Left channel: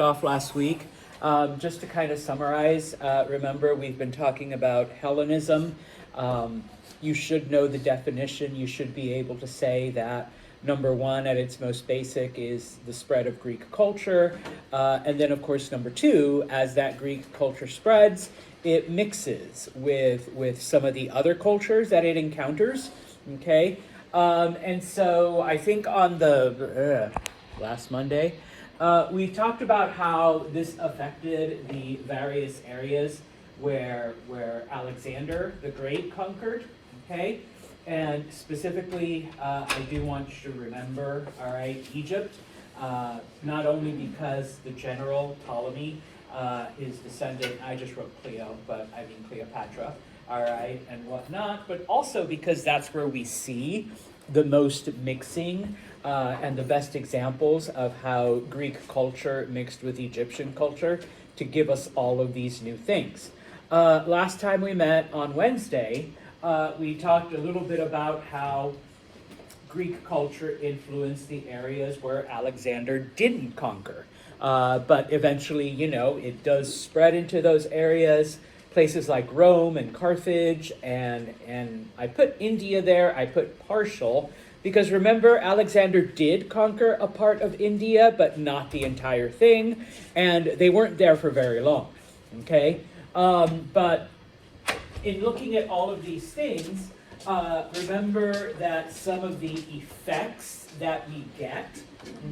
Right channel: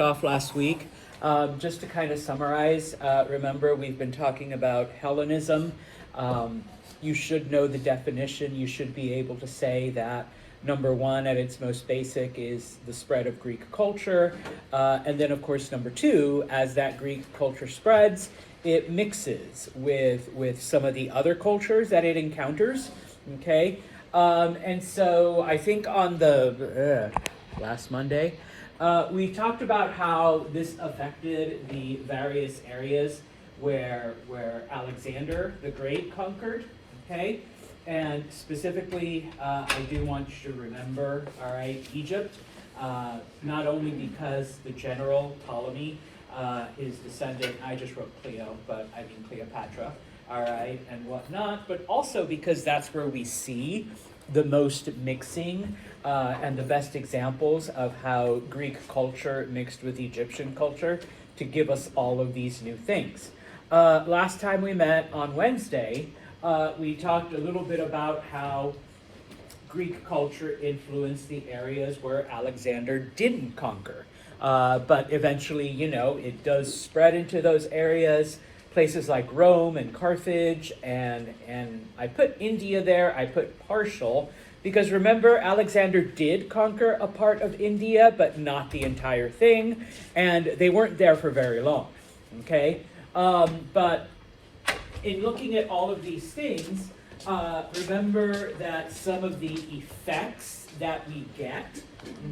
off last week. Just to kind of summarize, remember we've been talking about Hellenism. You should know the definition. You should be able to say that number one, at its most basic, is the spread of Greek culture. And then, of course, number two, as that Greek culture spreads, it mixes with some of the other cultures that it encounters. Okay? And so I think on the last Monday, we talked about how this affected the various areas where Alexander the Great conquered, okay? And specifically, I do want you to remember, all right, Egypt, not only because the general Ptolemy is descendant, I just wrote Cleo, but I mean Cleopatra, all right, and whatnot, but also because that's where we see the most mixing and the best examples of how Greek culture mixed with Egyptian culture to give us all of these new things. Last time we met on Wednesday, we talked a little bit about how Greek culture influenced the areas where Alexander didn't conquer. But eventually, it does spread into those areas, places like Rome and Carthage, and I put India there, I put partial, because remember, Alexander did conquer a part of India, but not the entire thing, and they weren't there for very long, okay? But in looking at all of these things, remember that some of the effects that we get,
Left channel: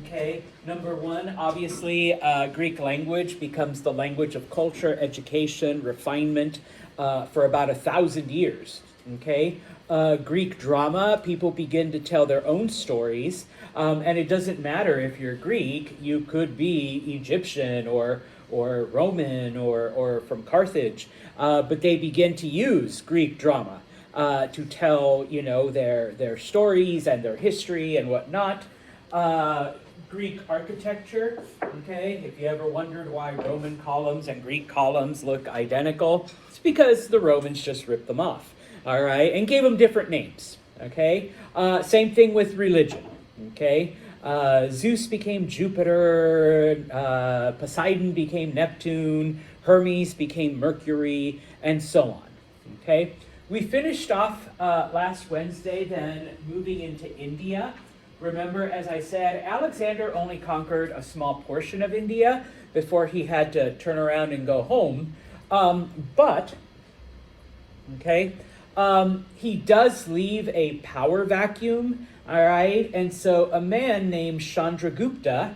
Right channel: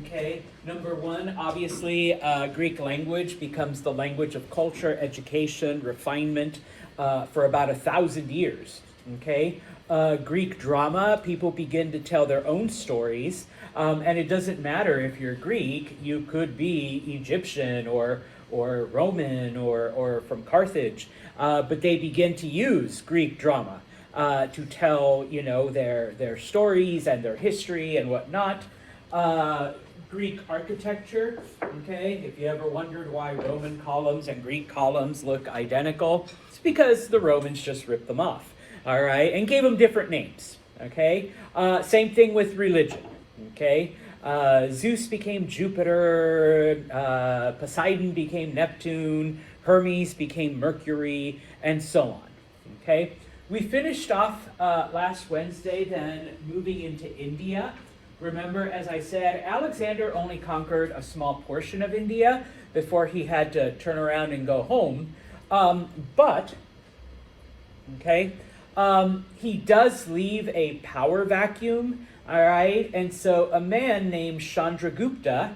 okay, number one, obviously, Greek language becomes the language of culture, education, refinement for about 1,000 years, okay? Greek drama, people begin to tell their own stories, and it doesn't matter if you're Greek, you could be Egyptian or Roman or from Carthage, but they begin to use Greek drama to tell, their stories and their history and whatnot. Greek architecture, okay, if you ever wondered why Roman columns and Greek columns look identical, it's because the Romans just ripped them off, all right, and gave them different names, okay? Same thing with religion, okay? Zeus became Jupiter, Poseidon became Neptune, Hermes became Mercury, and so on, okay? We finished off last Wednesday then moving into India. Remember, as I said, Alexander only conquered a small portion of India before he had to turn around and go home. He does leave a power vacuum, all right? And so a man named Chandragupta,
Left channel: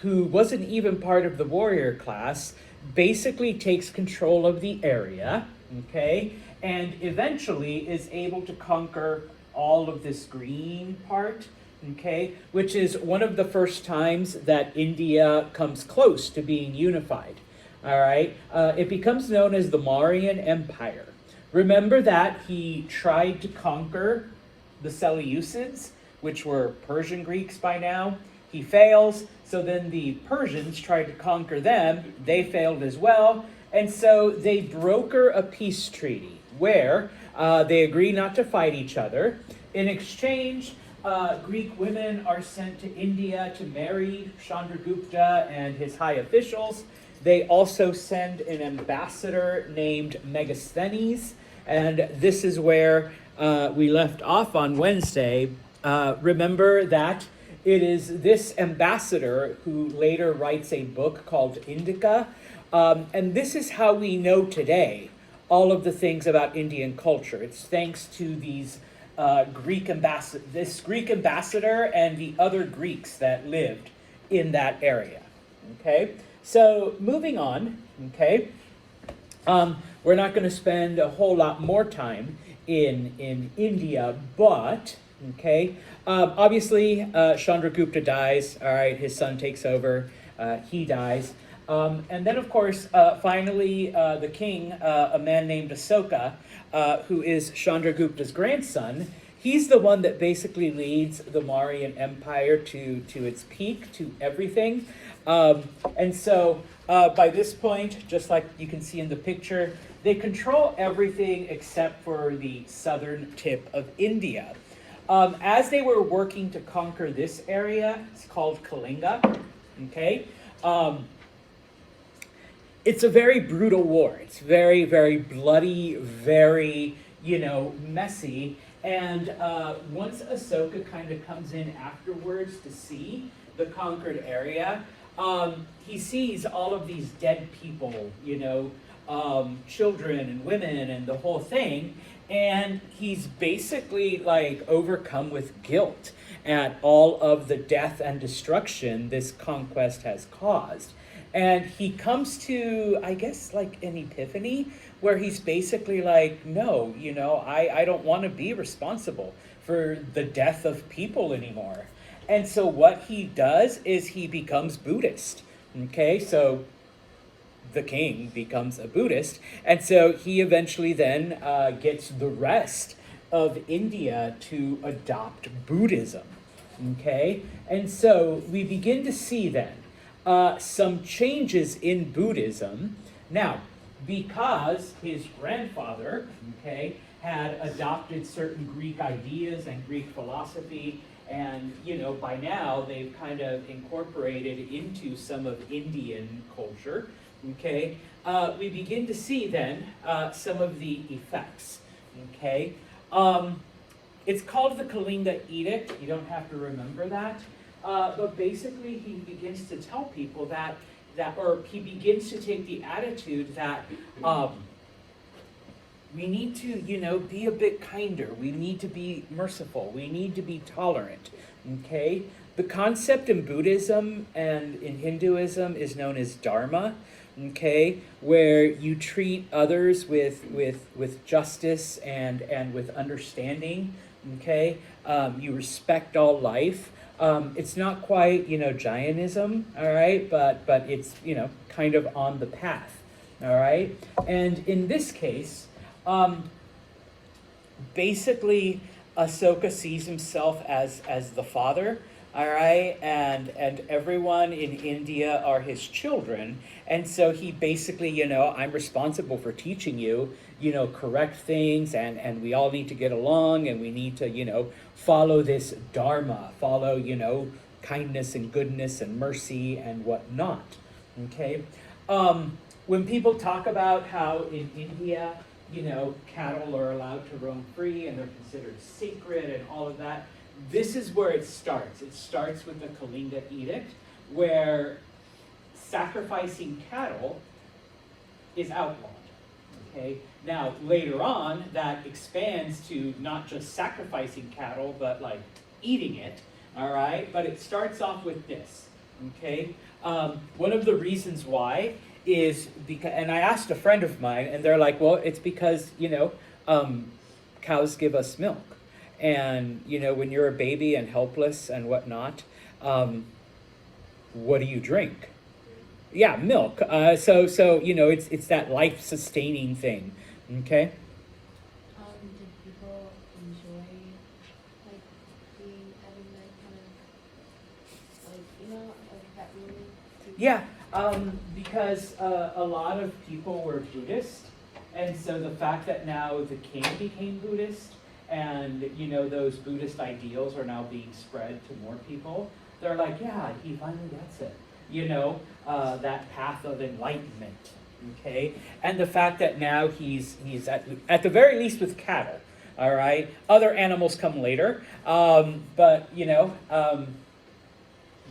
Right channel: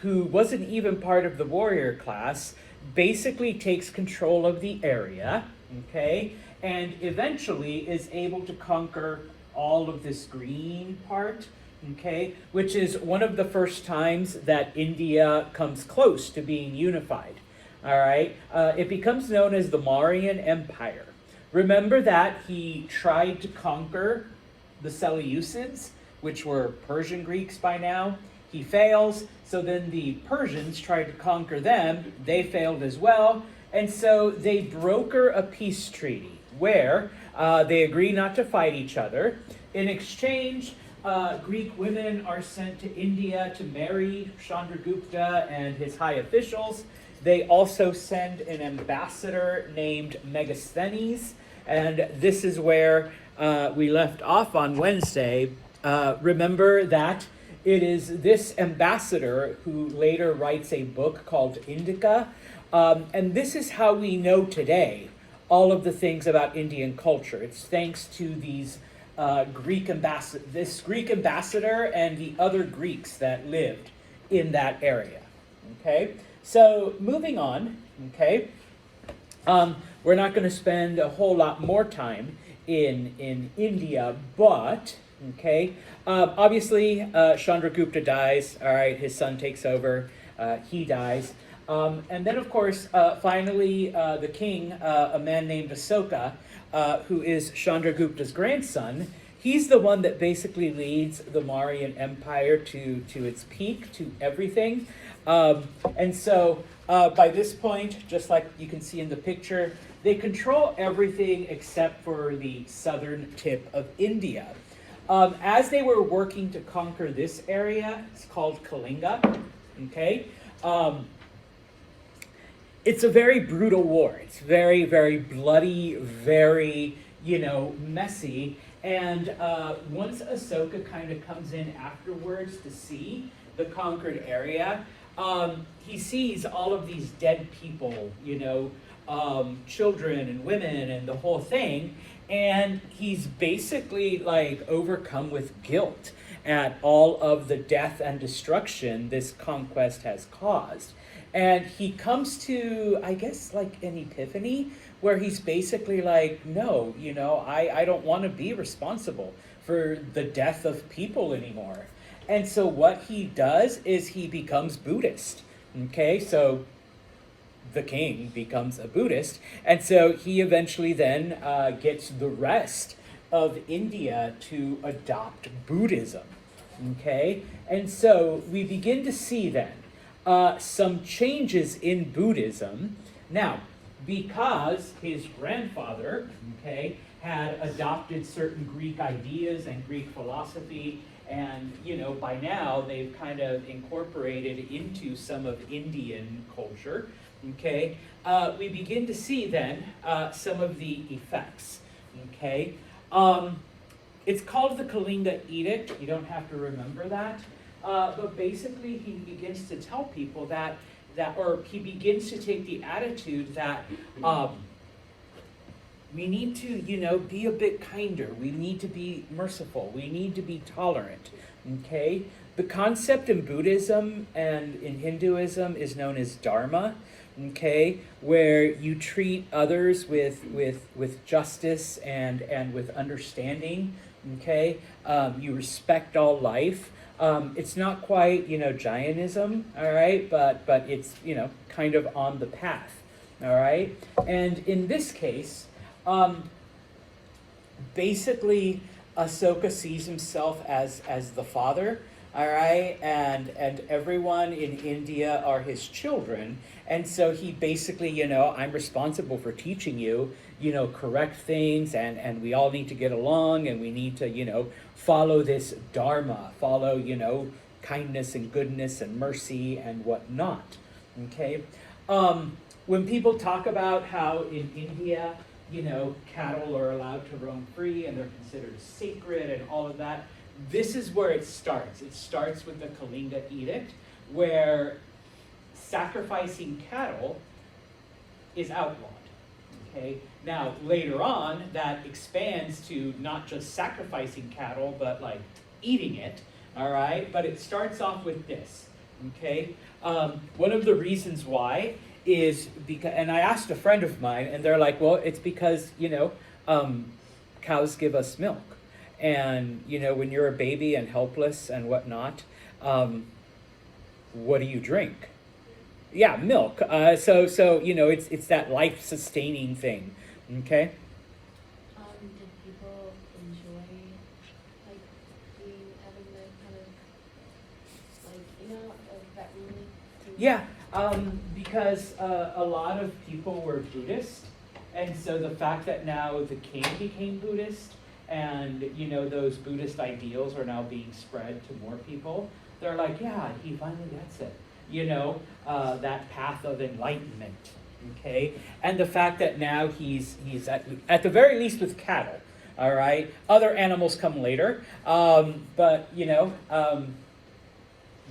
who wasn't even part of the warrior class, basically takes control of the area, okay? And eventually is able to conquer all of this green part, okay? Which is one of the first times that India comes close to being unified, all right? It becomes known as the Mauryan Empire. Remember that he tried to conquer the Seleucids, which were Persian Greeks by now. He fails, so then the Persians tried to conquer them. They failed as well, and so they broker a peace treaty where they agree not to fight each other. In exchange, Greek women are sent to India to marry Chandragupta and his high officials. They also send an ambassador named Megasthenes, and this is where we left off on Wednesday. Remember that it is this ambassador who later writes a book called Indica, and this is how we know today all of the things about Indian culture. It's thanks to these Greek ambassador and the other Greeks that lived in that area, okay? So moving on, okay, we're not going to spend a whole lot more time in India, but, okay, obviously Chandragupta dies, all right, his son takes over, he dies, and then of course, finally, the king, a man named Asoka, who is Chandragupta's grandson, he's the one that basically leads the Mauryan Empire to its peak, to everything. And so by this point, just like you can see in the picture, they control everything except for the southern tip of India. As they were working to conquer this area, it's called Kalinga, okay? it's a very brutal war. It's very, very bloody, very, messy. And once Ahsoka kind of comes in afterwards to see the conquered area, he sees all of these dead people, children and women and the whole thing. And he's basically like overcome with guilt at all of the death and destruction this conquest has caused. And he comes to, I guess, like an epiphany where he's basically like, no, I don't want to be responsible for the death of people anymore. And so what he does is he becomes Buddhist. Okay, so the king becomes a Buddhist. And so he eventually then gets the rest of India to adopt Buddhism. Okay, and so we begin to see then some changes in Buddhism. Now, because his grandfather, had adopted certain Greek ideas and Greek philosophy, and, by now they've kind of incorporated into some of Indian culture, we begin to see then some of the effects, It's called the Kalinga Edict. You don't have to remember that. But basically, he begins to tell people or he begins to take the attitude that we need to, be a bit kinder. We need to be merciful. We need to be tolerant. The concept in Buddhism and in Hinduism is known as Dharma. Where you treat others with justice and with understanding. You respect all life. It's not quite, Jainism, all right, but it's, kind of on the path, all right? And in this case, basically, Ahsoka sees himself as the father, all right, and everyone in India are his children, and so he basically, I'm responsible for teaching you, correct things, and we all need to get along, and we need to, follow this dharma, follow, kindness and goodness and mercy and whatnot, When people talk about how in India, cattle are allowed to roam free and they're considered sacred and all of that, this is where it starts. It starts with the Kalinga Edict, where sacrificing cattle is outlawed. Now, later on, that expands to not just sacrificing cattle, but like eating it, all right? But it starts off with this, One of the reasons why is because, and I asked a friend of mine, and they're like, well, it's because, cows give us milk. And, when you're a baby and helpless and whatnot, what do you drink? Yeah, milk. So it's that life-sustaining thing, Did people enjoy, like, being out of their kind of, that really? Yeah, because a lot of people were Buddhist, and so the fact that now the king became Buddhist, and, those Buddhist ideals are now being spread to more people, they're like, yeah, he finally gets it. That path of enlightenment, And the fact that now he's at the very least with cattle, all right? Other animals come later, but,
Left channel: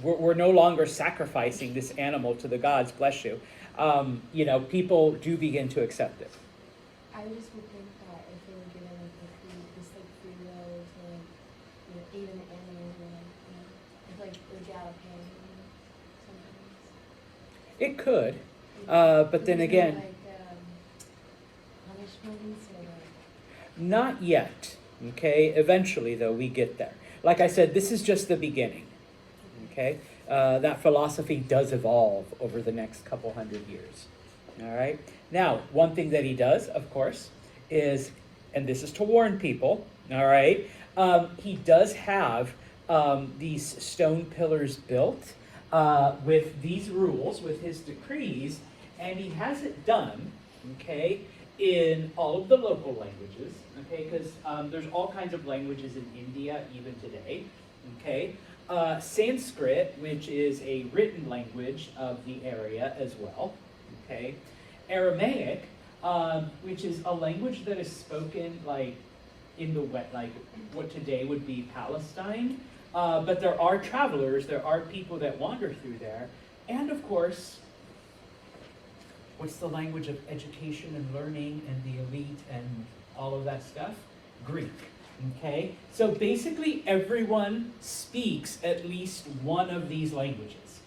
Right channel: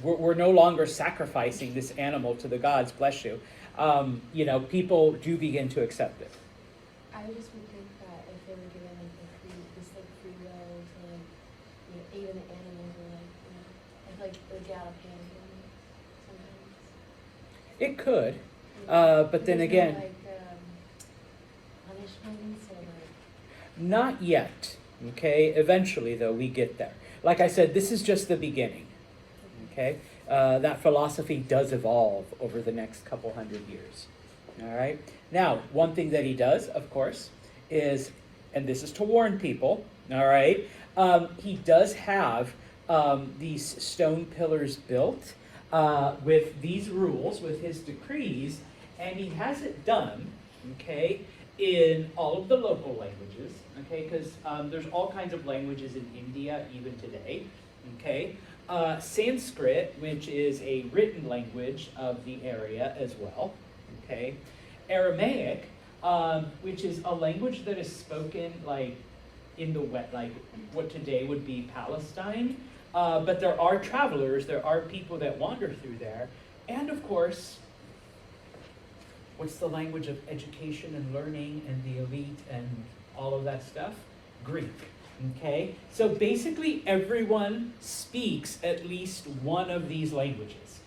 we're no longer sacrificing this animal to the gods, bless you. People do begin to accept it. I just would think that if they were given free will to, even animals are like egalitarian sometimes. It could, but then again, punishments or not yet. Eventually, though, we get there. Like I said, this is just the beginning. That philosophy does evolve over the next couple hundred years. All right. Now, one thing that he does, of course, is, and this is to warn people. All right. He does have these stone pillars built with these rules, with his decrees, and he has it done, in all of the local languages, because there's all kinds of languages in India even today, Sanskrit, which is a written language of the area as well, okay? Aramaic, which is a language that is spoken like in the wet, like what today would be Palestine, but there are travelers, there are people that wander through there, and of course, what's the language of education and learning and the elite and all of that stuff? Greek. Okay? So basically everyone speaks at least one of these languages.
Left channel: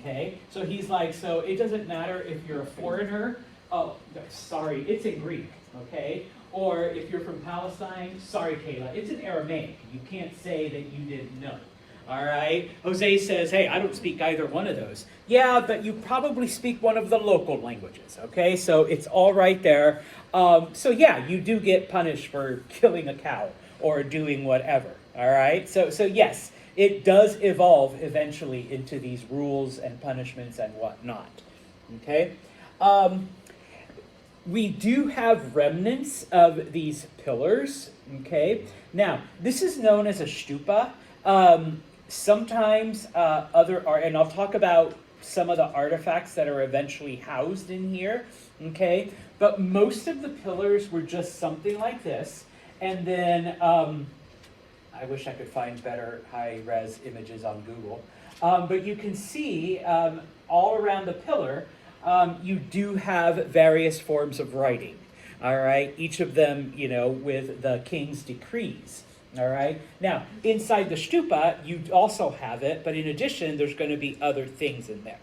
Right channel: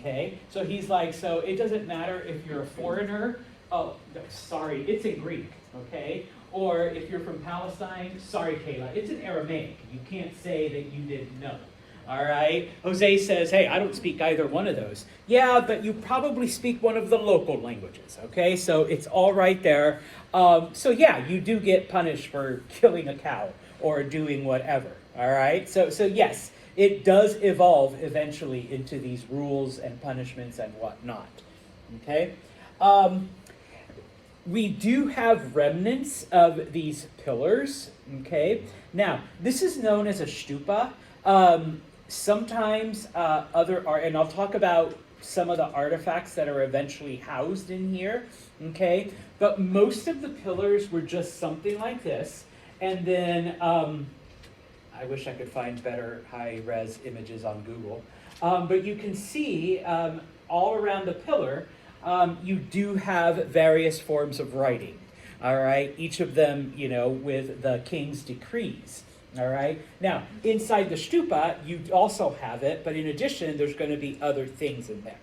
Okay? So he's like, so it doesn't matter if you're a foreigner, oh, sorry, it's in Greek. Okay? Or if you're from Palestine, sorry, Kayla, it's in Aramaic. You can't say that you didn't know. All right? Jose says, hey, I don't speak either one of those. Yeah, but you probably speak one of the local languages, okay? So it's all right there. So yeah, you do get punished for killing a cow or doing whatever, all right? So yes, it does evolve eventually into these rules and punishments and whatnot, okay? We do have remnants of these pillars, okay? Now, this is known as a stupa. Sometimes other art, and I'll talk about some of the artifacts that are eventually housed in here, okay? But most of the pillars were just something like this, and then I wish I could find better high-res images on Google, but you can see all around the pillar, you do have various forms of writing, all right? Each of them, you know, with the king's decrees. All right. Now, inside the stupa, you also have it, but in addition, there's going to be other things in there.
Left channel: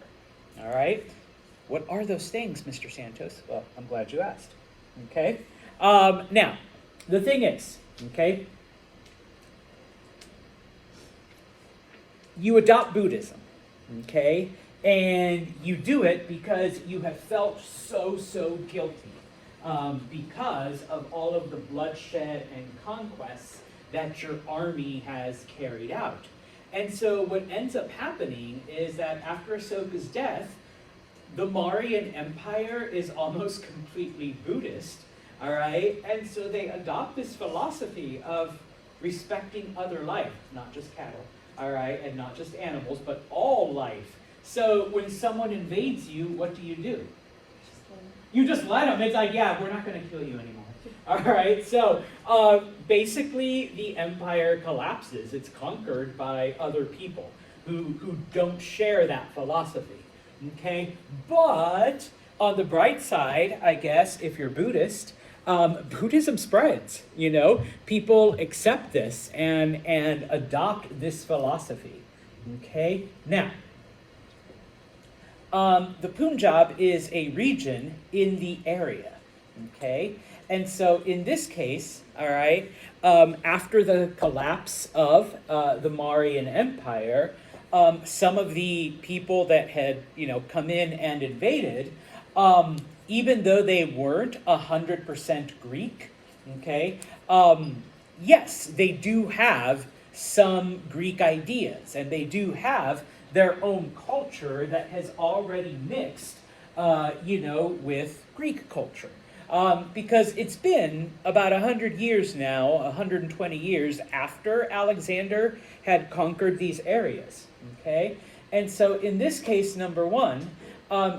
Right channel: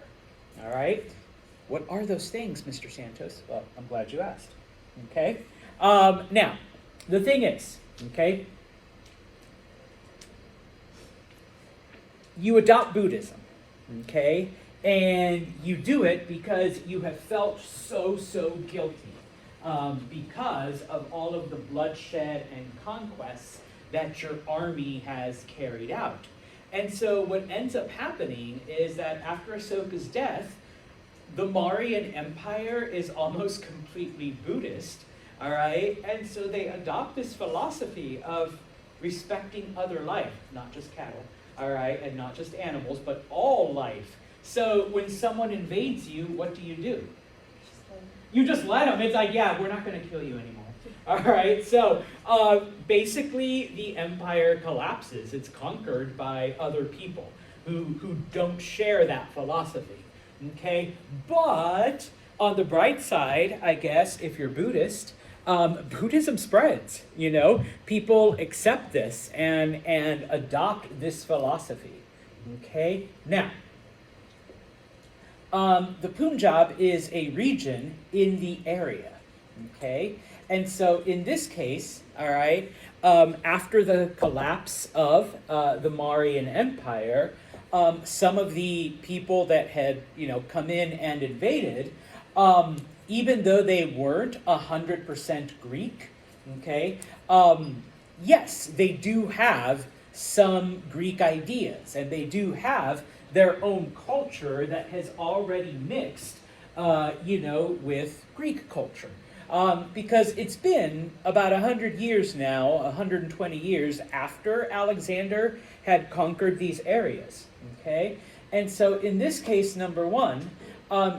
All right. What are those things, Mr. Santos? Well, I'm glad you asked. Okay. Now, the thing is, okay, you adopt Buddhism, okay, and you do it because you have felt so guilty because of all of the bloodshed and conquests that your army has carried out. And so what ends up happening is that after Asoka's death, the Mauryan Empire is almost completely Buddhist, all right? And so they adopt this philosophy of respecting other life, not just cattle, all right, and not just animals, but all life. So when someone invades you, what do? You just let them. It's like, yeah, we're not going to kill you anymore. All right, so basically the empire collapses. It's conquered by other people who don't share that philosophy, okay? But on the bright side, I guess, if you're Buddhist, Buddhism spreads, you know? People accept this and adopt this philosophy, okay? Now, the Punjab is a region in the area, okay? And so in this case, all right, after the collapse of the Mauryan Empire, some of the people that had, you know, come in and invaded, even though they weren't 100% Greek, okay, yes, they do have some Greek ideas, and they do have their own culture that has already mixed, you know, with Greek culture. Because it's been about 100 years now, 120 years after Alexander had conquered these areas, okay? And so in this case, number one,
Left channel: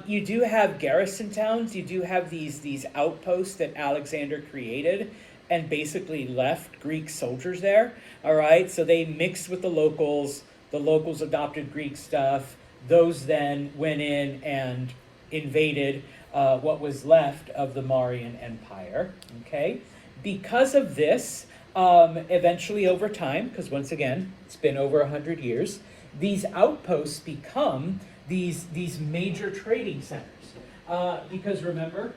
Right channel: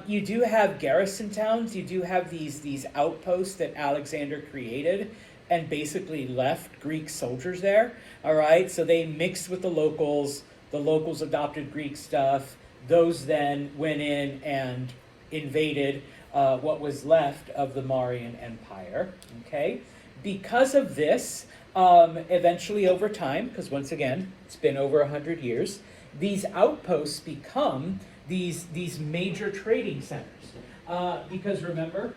you do have garrison towns, you do have these outposts that Alexander created and basically left Greek soldiers there, all right? So they mixed with the locals adopted Greek stuff, those then went in and invaded what was left of the Mauryan Empire, okay? Because of this, eventually over time, because once again, it's been over 100 years, these outposts become these major trading centers. Because remember,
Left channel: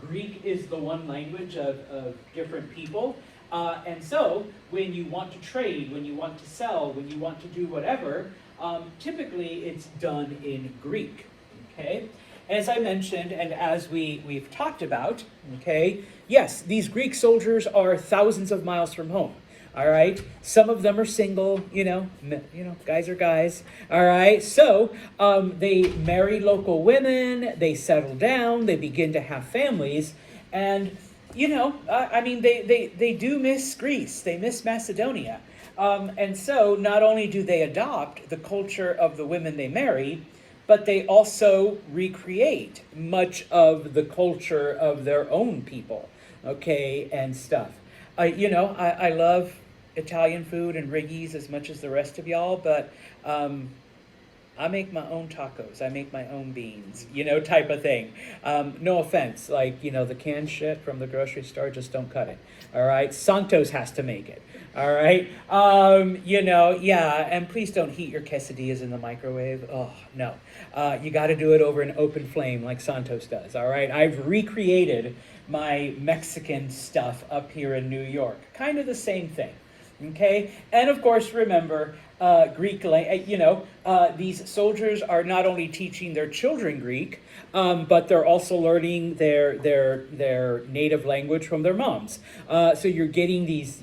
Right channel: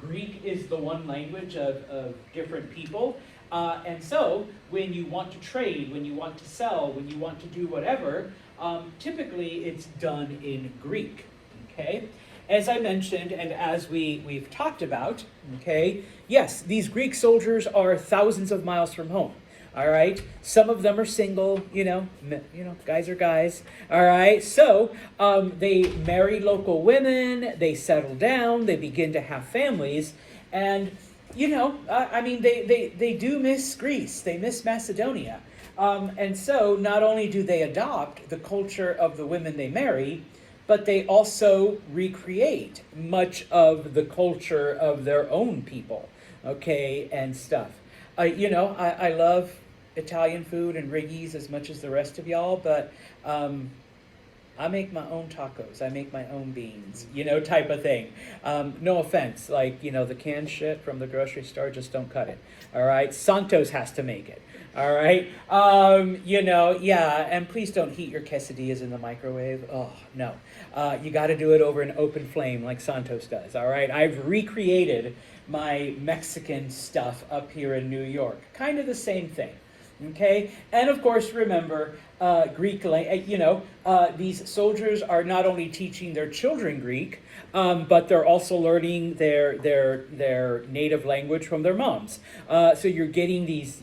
Greek is the one language of different people, and so when you want to trade, when you want to sell, when you want to do whatever, typically it's done in Greek, okay? As I mentioned, and as we've talked about, okay, yes, these Greek soldiers are thousands of miles from home, all right? Some of them are single, you know, guys are guys, all right? So they marry local women, they settle down, they begin to have families, and, you know, I mean, they do miss Greece, they miss Macedonia. And so not only do they adopt the culture of the women they marry, but they also recreate much of the culture of their own people, okay, and stuff. I love Italian food and Riggies as much as the rest of y'all, but I make my own tacos. I make my own beans, type of thing. No offense, the canned shit from the grocery store, just don't cut it. All right, Santos has to make it. All right, yeah, and please don't heat your quesadillas in the microwave. Oh no, you got to do it over an open flame like Santos does. All right, I've recreated my Mexican stuff up here in New York. Kind of the same thing. Okay, and of course, remember, Greek, these soldiers are not only teaching their children Greek, but they're also learning their native language from their moms. So you're getting these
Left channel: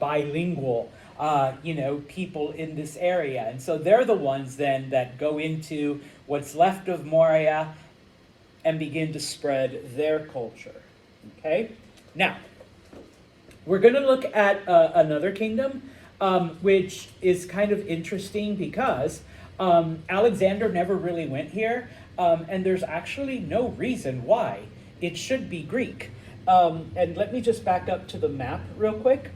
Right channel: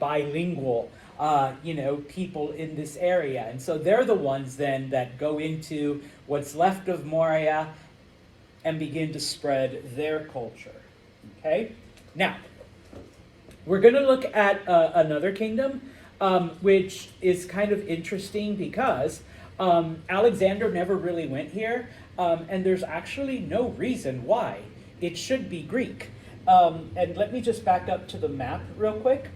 bilingual, people in this area. And so they're the ones then that go into what's left of Moria and begin to spread their culture. Okay, now, we're going to look at another kingdom, which is kind of interesting because Alexander never really went here, and there's actually no reason why it should be Greek. And let me just back up to the map real quick.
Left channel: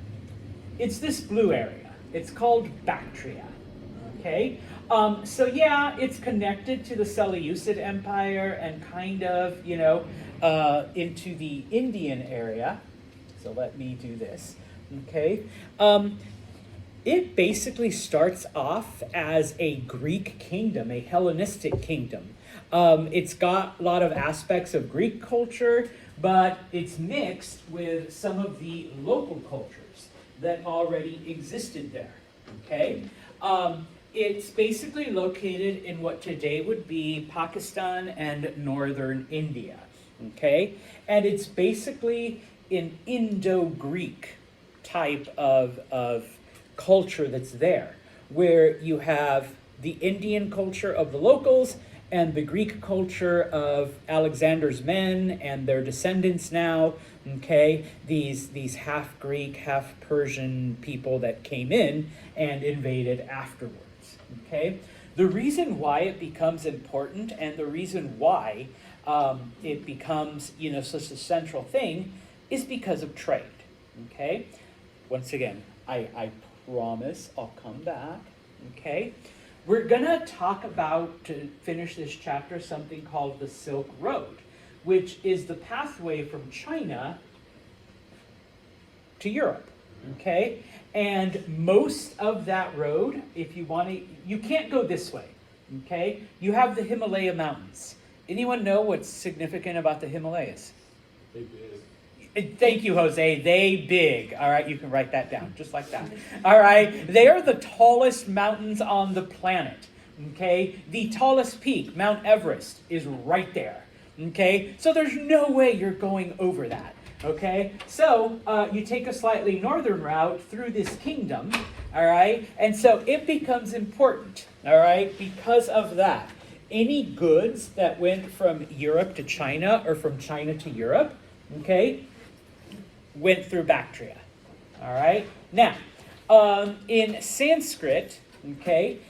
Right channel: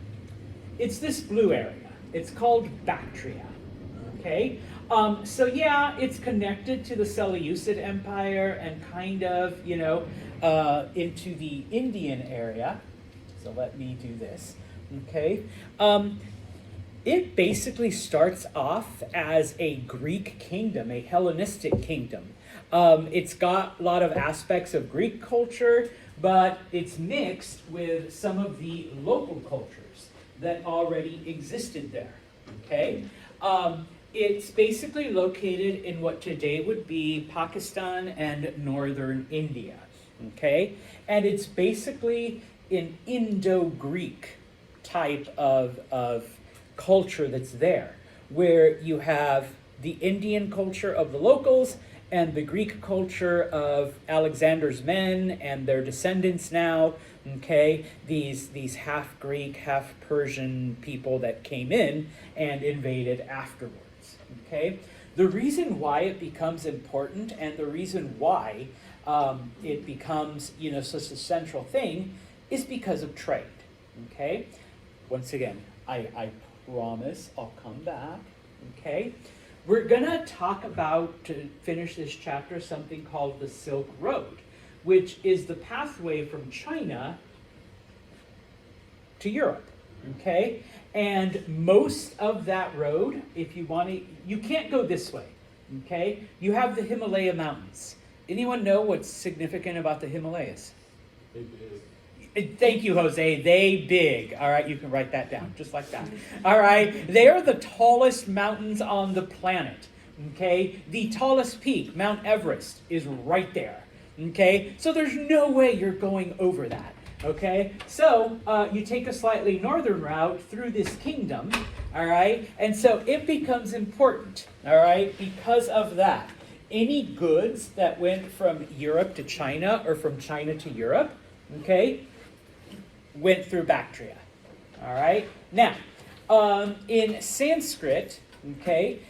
It's this blue area. It's called Bactria. Okay? So yeah, it's connected to the Seleucid Empire and kind of, into the Indian area. So let me do this, okay? It basically starts off as a Greek kingdom, a Hellenistic kingdom. It's got a lot of aspects of Greek culture, but it's mixed with some of the local cultures that already existed there, okay? It's basically located in what today would be Pakistan and northern India, okay? And it's basically an Indo-Greek type of culture that's there, where you have the Indian culture of the locals and the Greek culture of Alexander's men and their descendants now, okay, these half Greek, half Persian people that came in and invaded afterwards, okay? The reason why it becomes important and the reason why it becomes, such a central thing is because of trade, okay? Once again, I promise I'll come back, okay? We're gonna talk about, to finish this chapter, something called the Silk Road, which is the pathway from China to Europe, okay? And most of that road, if you want to, you can't go this way, okay? You have the Himalaya Mountains. Anyone know what's significant about the Himalayas? Thank you, Jose. They big. All right, you can write that down, just like that. All right, they are the tallest mountains on the planet. Okay, the tallest peak, Mount Everest, is right there. Okay, so there's no way you're going over that. Okay, so you take a slightly northern route through this kingdom. All right, and so it becomes important. All right, because of that, any goods that went from Europe to China or from China to Europe, okay, went through Bactria. All right. Now, in Sanskrit, okay,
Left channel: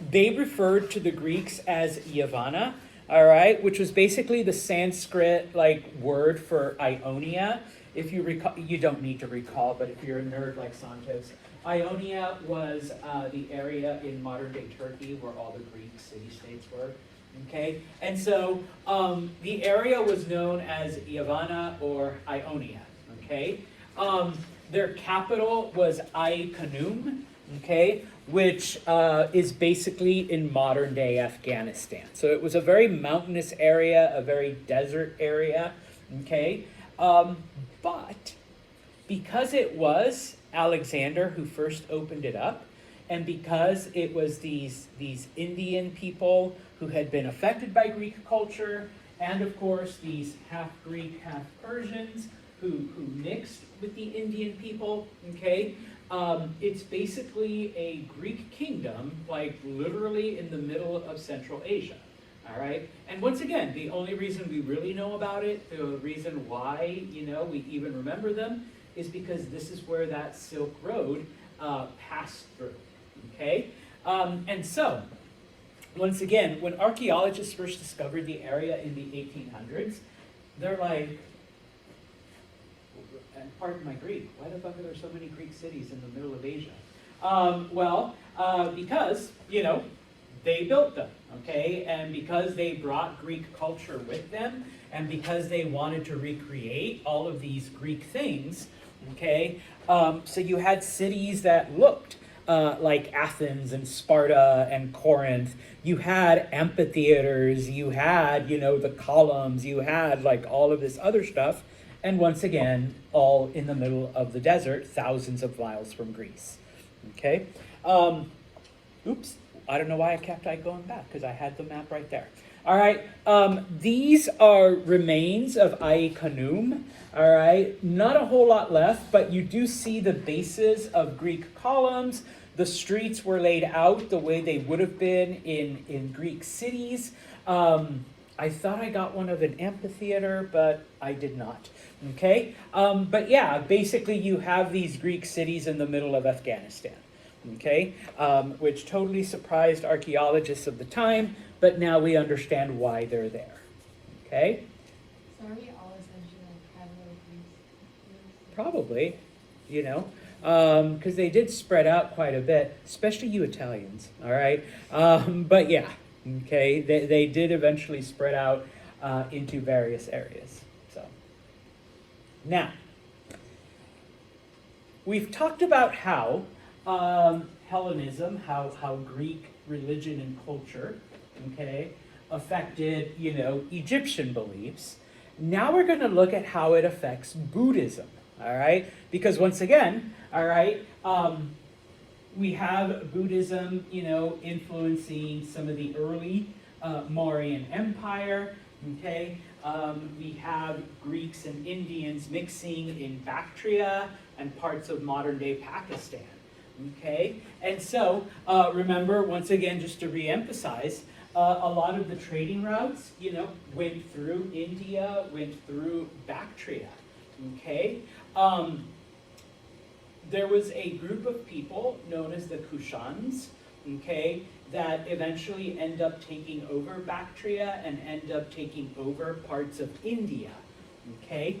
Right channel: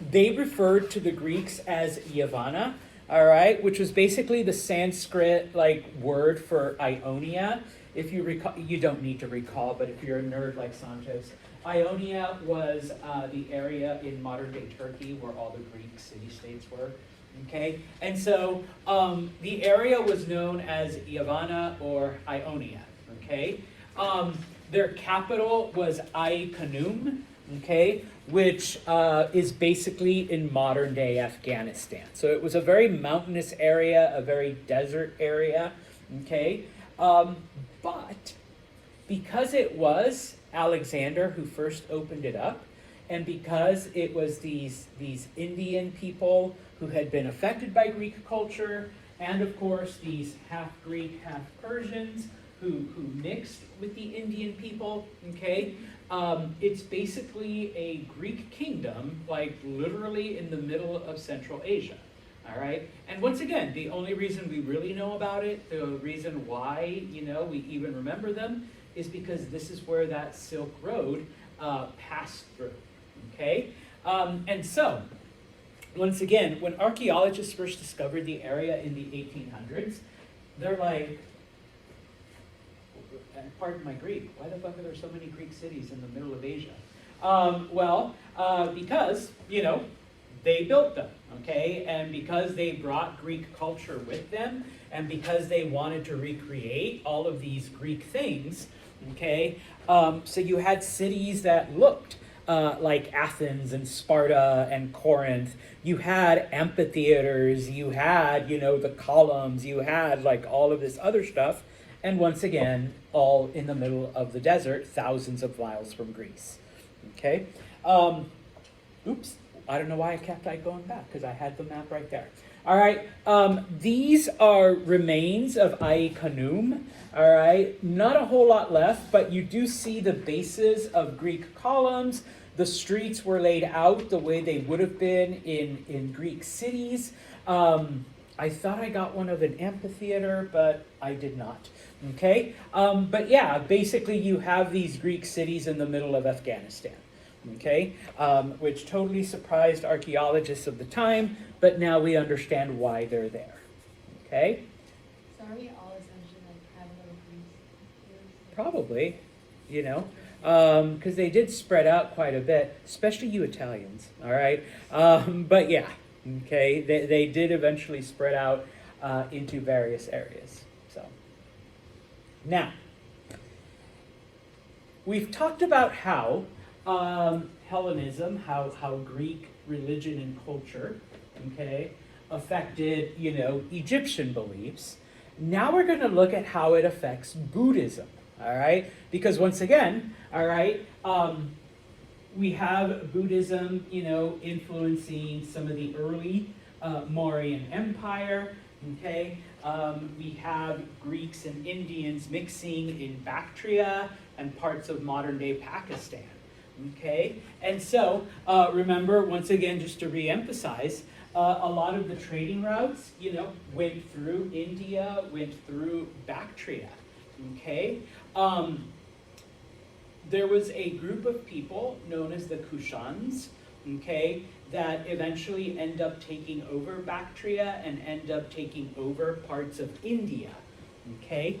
they referred to the Greeks as Yavana, all right, which was basically the Sanskrit word for Ionia. If you recall, you don't need to recall, but if you're a nerd like Santos, Ionia was the area in modern-day Turkey where all the Greek city-states were. Okay, and so the area was known as Yavana or Ionia. Okay, their capital was Ai-Khanum. Okay, which is basically in modern-day Afghanistan. So it was a very mountainous area, a very desert area. Okay, but because it was Alexander who first opened it up, and because it was these Indian people who had been affected by Greek culture, and of course these half Greek, half Persians who mixed with the Indian people, okay? It's basically a Greek kingdom, literally in the middle of Central Asia, all right? And once again, the only reason we really know about it, the reason why, we even remember them, is because this is where that Silk Road passed through, okay? And so, once again, when archaeologists first discovered the area in the 1800s, they're like, and pardon my Greek, why the fuck are there so many Greek cities in the middle of Asia? Because, they built them, okay? And because they brought Greek culture with them, and because they wanted to recreate all of these Greek things, okay? So you had cities that looked like Athens and Sparta and Corinth. You had amphitheaters, you had, the columns, you had like all of this other stuff. And once again, all in the middle of the desert, thousands of miles from Greece. Okay? Oops, I don't know why I kept going back, because I had the map right there. All right, these are remains of Ai Khanoum. All right, not a whole lot left, but you do see the bases of Greek columns. The streets were laid out the way they would have been in Greek cities. I thought I got one of an amphitheater, but I did not. Okay, but yeah, basically you have these Greek cities in the middle of Afghanistan. Okay, which totally surprised archaeologists of the time, but now we understand why they're there. Okay. So are we all essentially like these? Probably, because they did spread out quite a bit, especially you Italians. All right, but yeah. Okay, they did eventually spread out into various areas. So now, we've talked about how Hellenism, how Greek religion and culture, okay, affected, Egyptian beliefs. Now we're going to look at how it affects Buddhism, all right? Because once again, all right, we have Buddhism, influencing some of the early Mauryan Empire, okay? We have Greeks and Indians mixing in Bactria and parts of modern-day Pakistan, okay? And so, remember, once again, just to re-emphasize, a lot of the trading routes, went through India, went through Bactria, okay? There was a group of people known as the Kushans, okay, that eventually end up taking over Bactria and end up taking over parts of India, okay?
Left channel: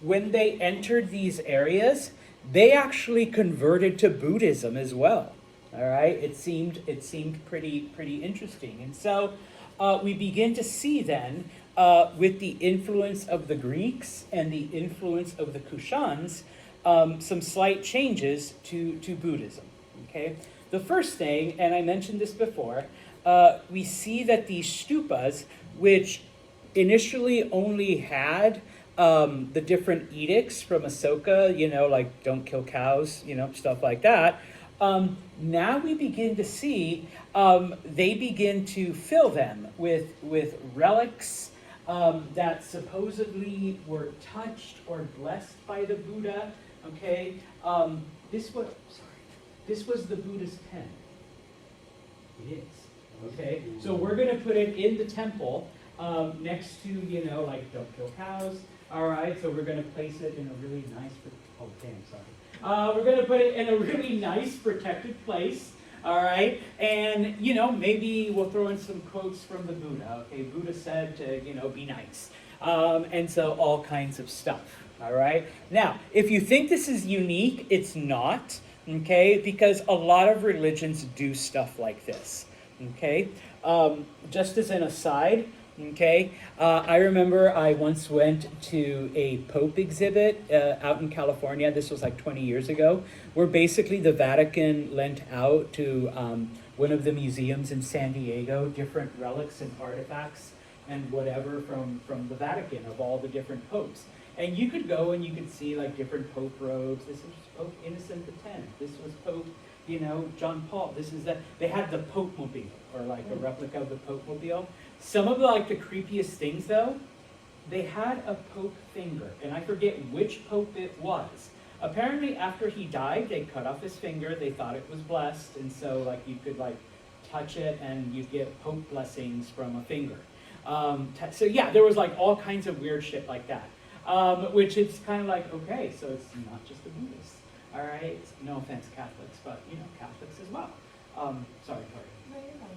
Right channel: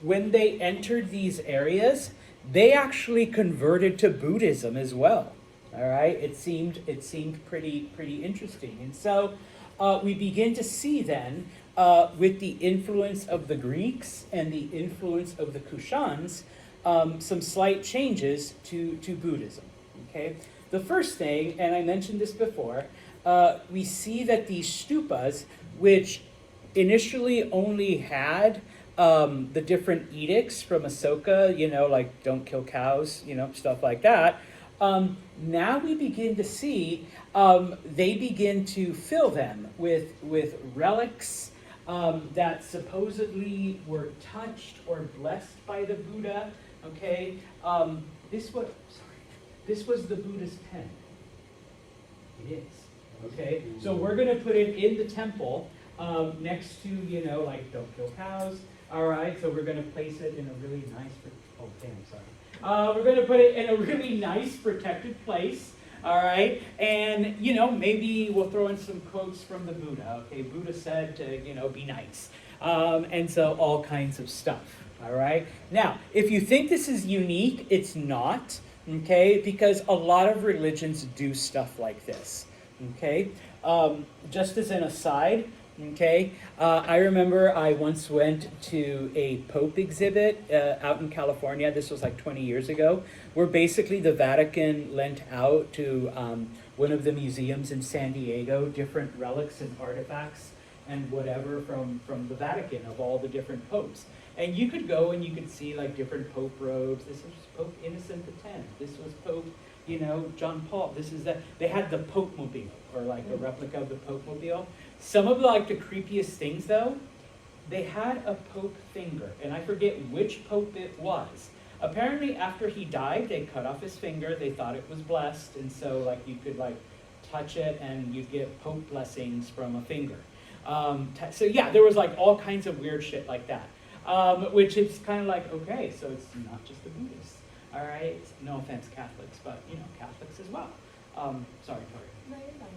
When they entered these areas, they actually converted to Buddhism as well, all right? It seemed pretty interesting. And so we begin to see then, with the influence of the Greeks and the influence of the Kushans, some slight changes to Buddhism, okay? The first thing, and I mentioned this before, we see that these stupas, which initially only had the different edicts from Ashoka, like don't kill cows, stuff like that, now we begin to see they begin to fill them with relics that supposedly were touched or blessed by the Buddha. Okay, this was the Buddha's pen. It is. Okay, so we're going to put it in the temple next to, like don't kill cows. All right, so we're going to place it in a really nice. Oh, damn, sorry. We're going to put it in a really nice, protected place. All right, and maybe we'll throw in some quotes from the Buddha. Okay, Buddha said to be nice, and so all kinds of stuff. All right. Now, if you think this is unique, it's not. Okay, because a lot of religions do stuff like this. Okay, just as an aside. Okay, I remember I once went to a Pope exhibit out in California. This was like 20 years ago, where basically the Vatican lent out to one of the museums in San Diego different relics and artifacts and whatever from the Vatican of all the different popes. And you could go and you could see like different Pope robes. This was Pope Innocent X. This was Pope, John Paul. This is that they had the Pope Mobile, or like a replica of the Pope Mobile. Some of like the creepiest things though, they had a Pope finger, and I forget which Pope it was. Apparently after he died, they cut off his finger. They thought it was blessed, and so like you could like touch it and you get Pope blessings from a finger. So yeah, there was like all kinds of weird shit like that. Which is kind of like, okay, so it's not just the Buddhists, all right? No offense, Catholics, but, Catholics as well. Sorry, Carter. No, you're fine.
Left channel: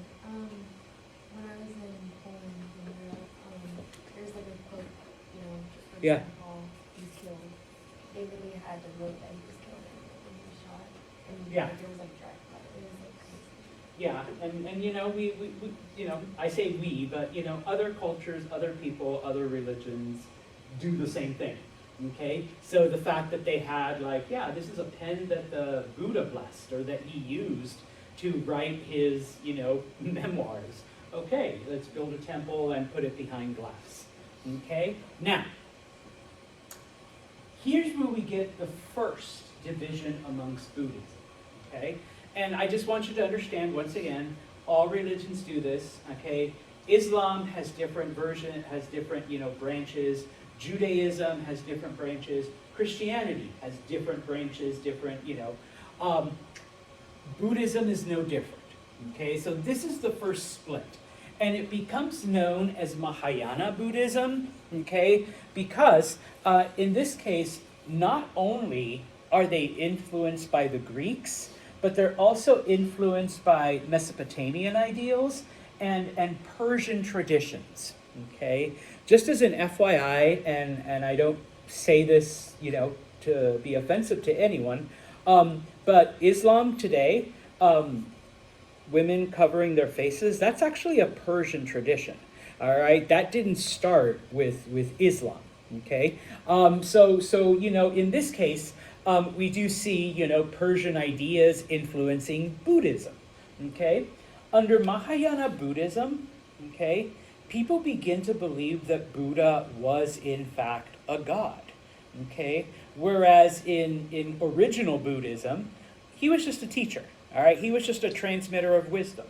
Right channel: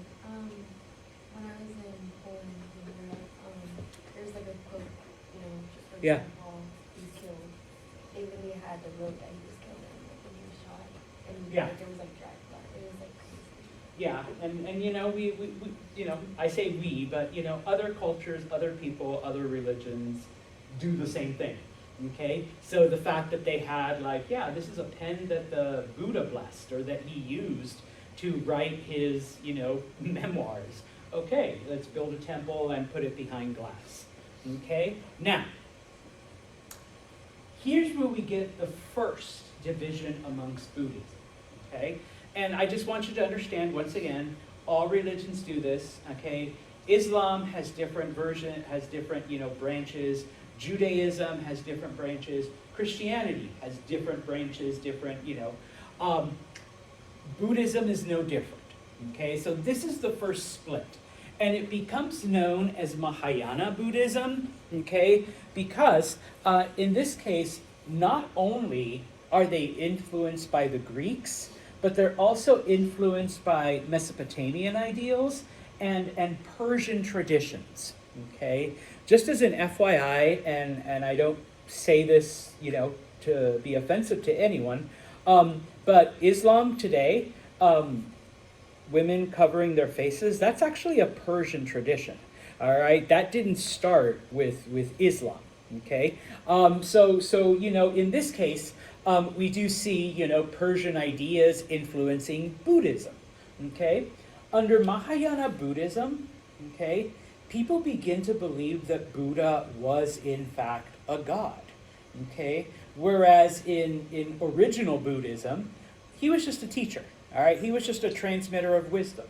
When I was in Poland, there's like a quote, from Yeah. St. Paul, he's killed. They literally had the rope that he was killed in, and he was shot. And Yeah. like, there was like dragged by it. It was like crazy. Yeah, and we I say we, but other cultures, other people, other religions do the same thing. Okay, so the fact that they had this is a pen that the Buddha blessed or that he used to write his memoirs. Okay, let's build a temple and put it behind glass. Okay, now here's where we get the first division amongst Buddhism. Okay. And I just want you to understand, once again, all religions do this, okay? Islam has different branches. Judaism has different branches. Christianity has different branches, Buddhism is no different, okay? So this is the first split. And it becomes known as Mahayana Buddhism, okay? Because in this case, not only are they influenced by the Greeks, but they're also influenced by Mesopotamian ideals and Persian traditions, okay? Just as an FYI, and I don't say this, to be offensive to anyone, but Islam today, women covering their faces, that's actually a Persian tradition, all right? That didn't start with Islam, okay? So in this case, we do see, Persian ideas influencing Buddhism, okay? Under Mahayana Buddhism, okay, people begin to believe that Buddha was, in fact, a god, okay? Whereas in original Buddhism, he was just a teacher, all right? He was just a transmitter of wisdom.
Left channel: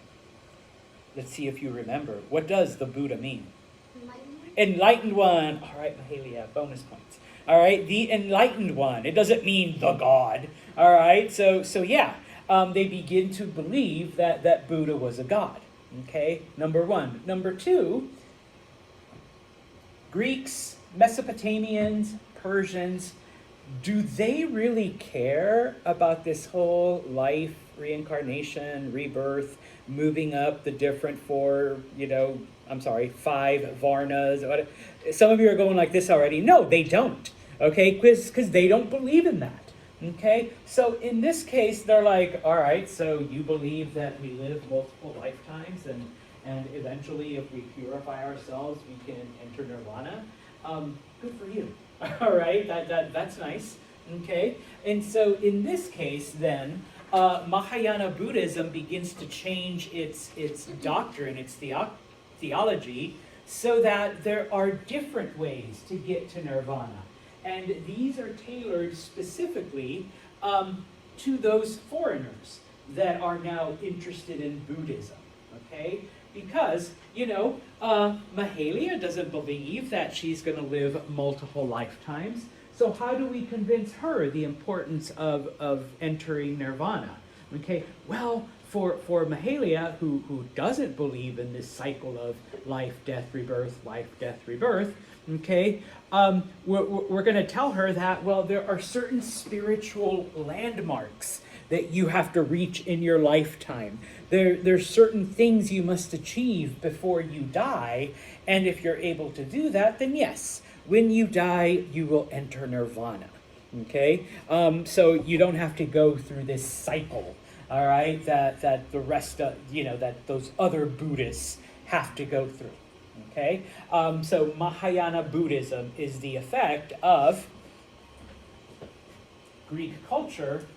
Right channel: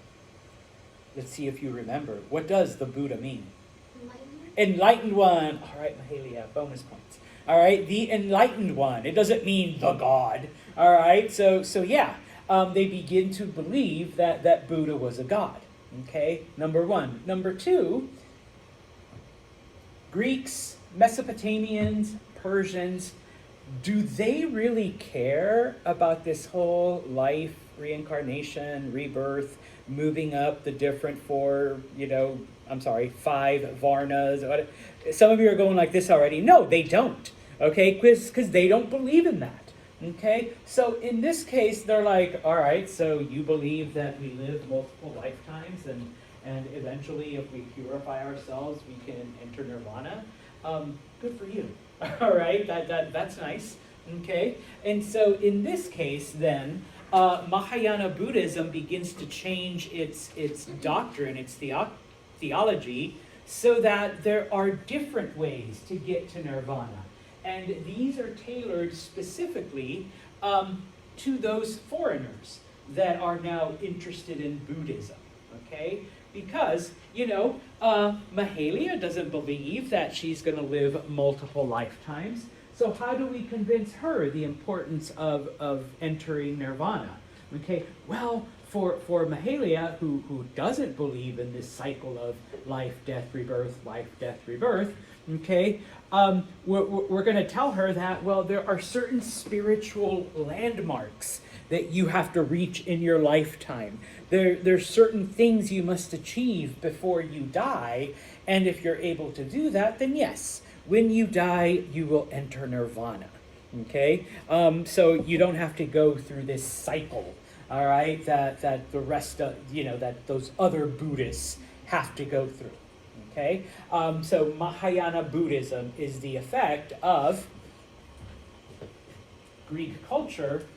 Let's see if you remember. What does the Buddha mean? Enlightened one. All right, Mahalia, bonus points. All right, the enlightened one. It doesn't mean the God. All right, so yeah, they begin to believe that Buddha was a god. Okay, number one. Number two, Greeks, Mesopotamians, Persians, do they really care about this whole life, reincarnation, rebirth, moving up the different five varnas? Some of you are going like this already. No, they don't. Okay, because they don't believe in that. Okay, so in this case, they're like, all right, so you believe that we live multiple lifetimes and eventually if we purify ourselves, we can enter nirvana. Good for you. All right, that's nice. Okay, and so in this case, then, Mahayana Buddhism begins to change its doctrine, its theology, so that there are different ways to get to nirvana. And these are tailored specifically to those foreigners that are now interested in Buddhism, okay? Because, Mahalia doesn't believe that she's going to live multiple lifetimes. So how do we convince her the importance of entering nirvana? Okay, well, for Mahalia, who doesn't believe in this cycle of life, death, rebirth, okay, we're going to tell her that, well, there are certain spiritual landmarks that you have to reach in your lifetime. There's certain things you must achieve before you die, and if you're able to do that, then yes, when you die, you will enter nirvana, okay? So you don't have to go through this cycle, all right, that the rest of, that those other Buddhists have to go through, okay? So Mahayana Buddhism is the effect of Greek culture,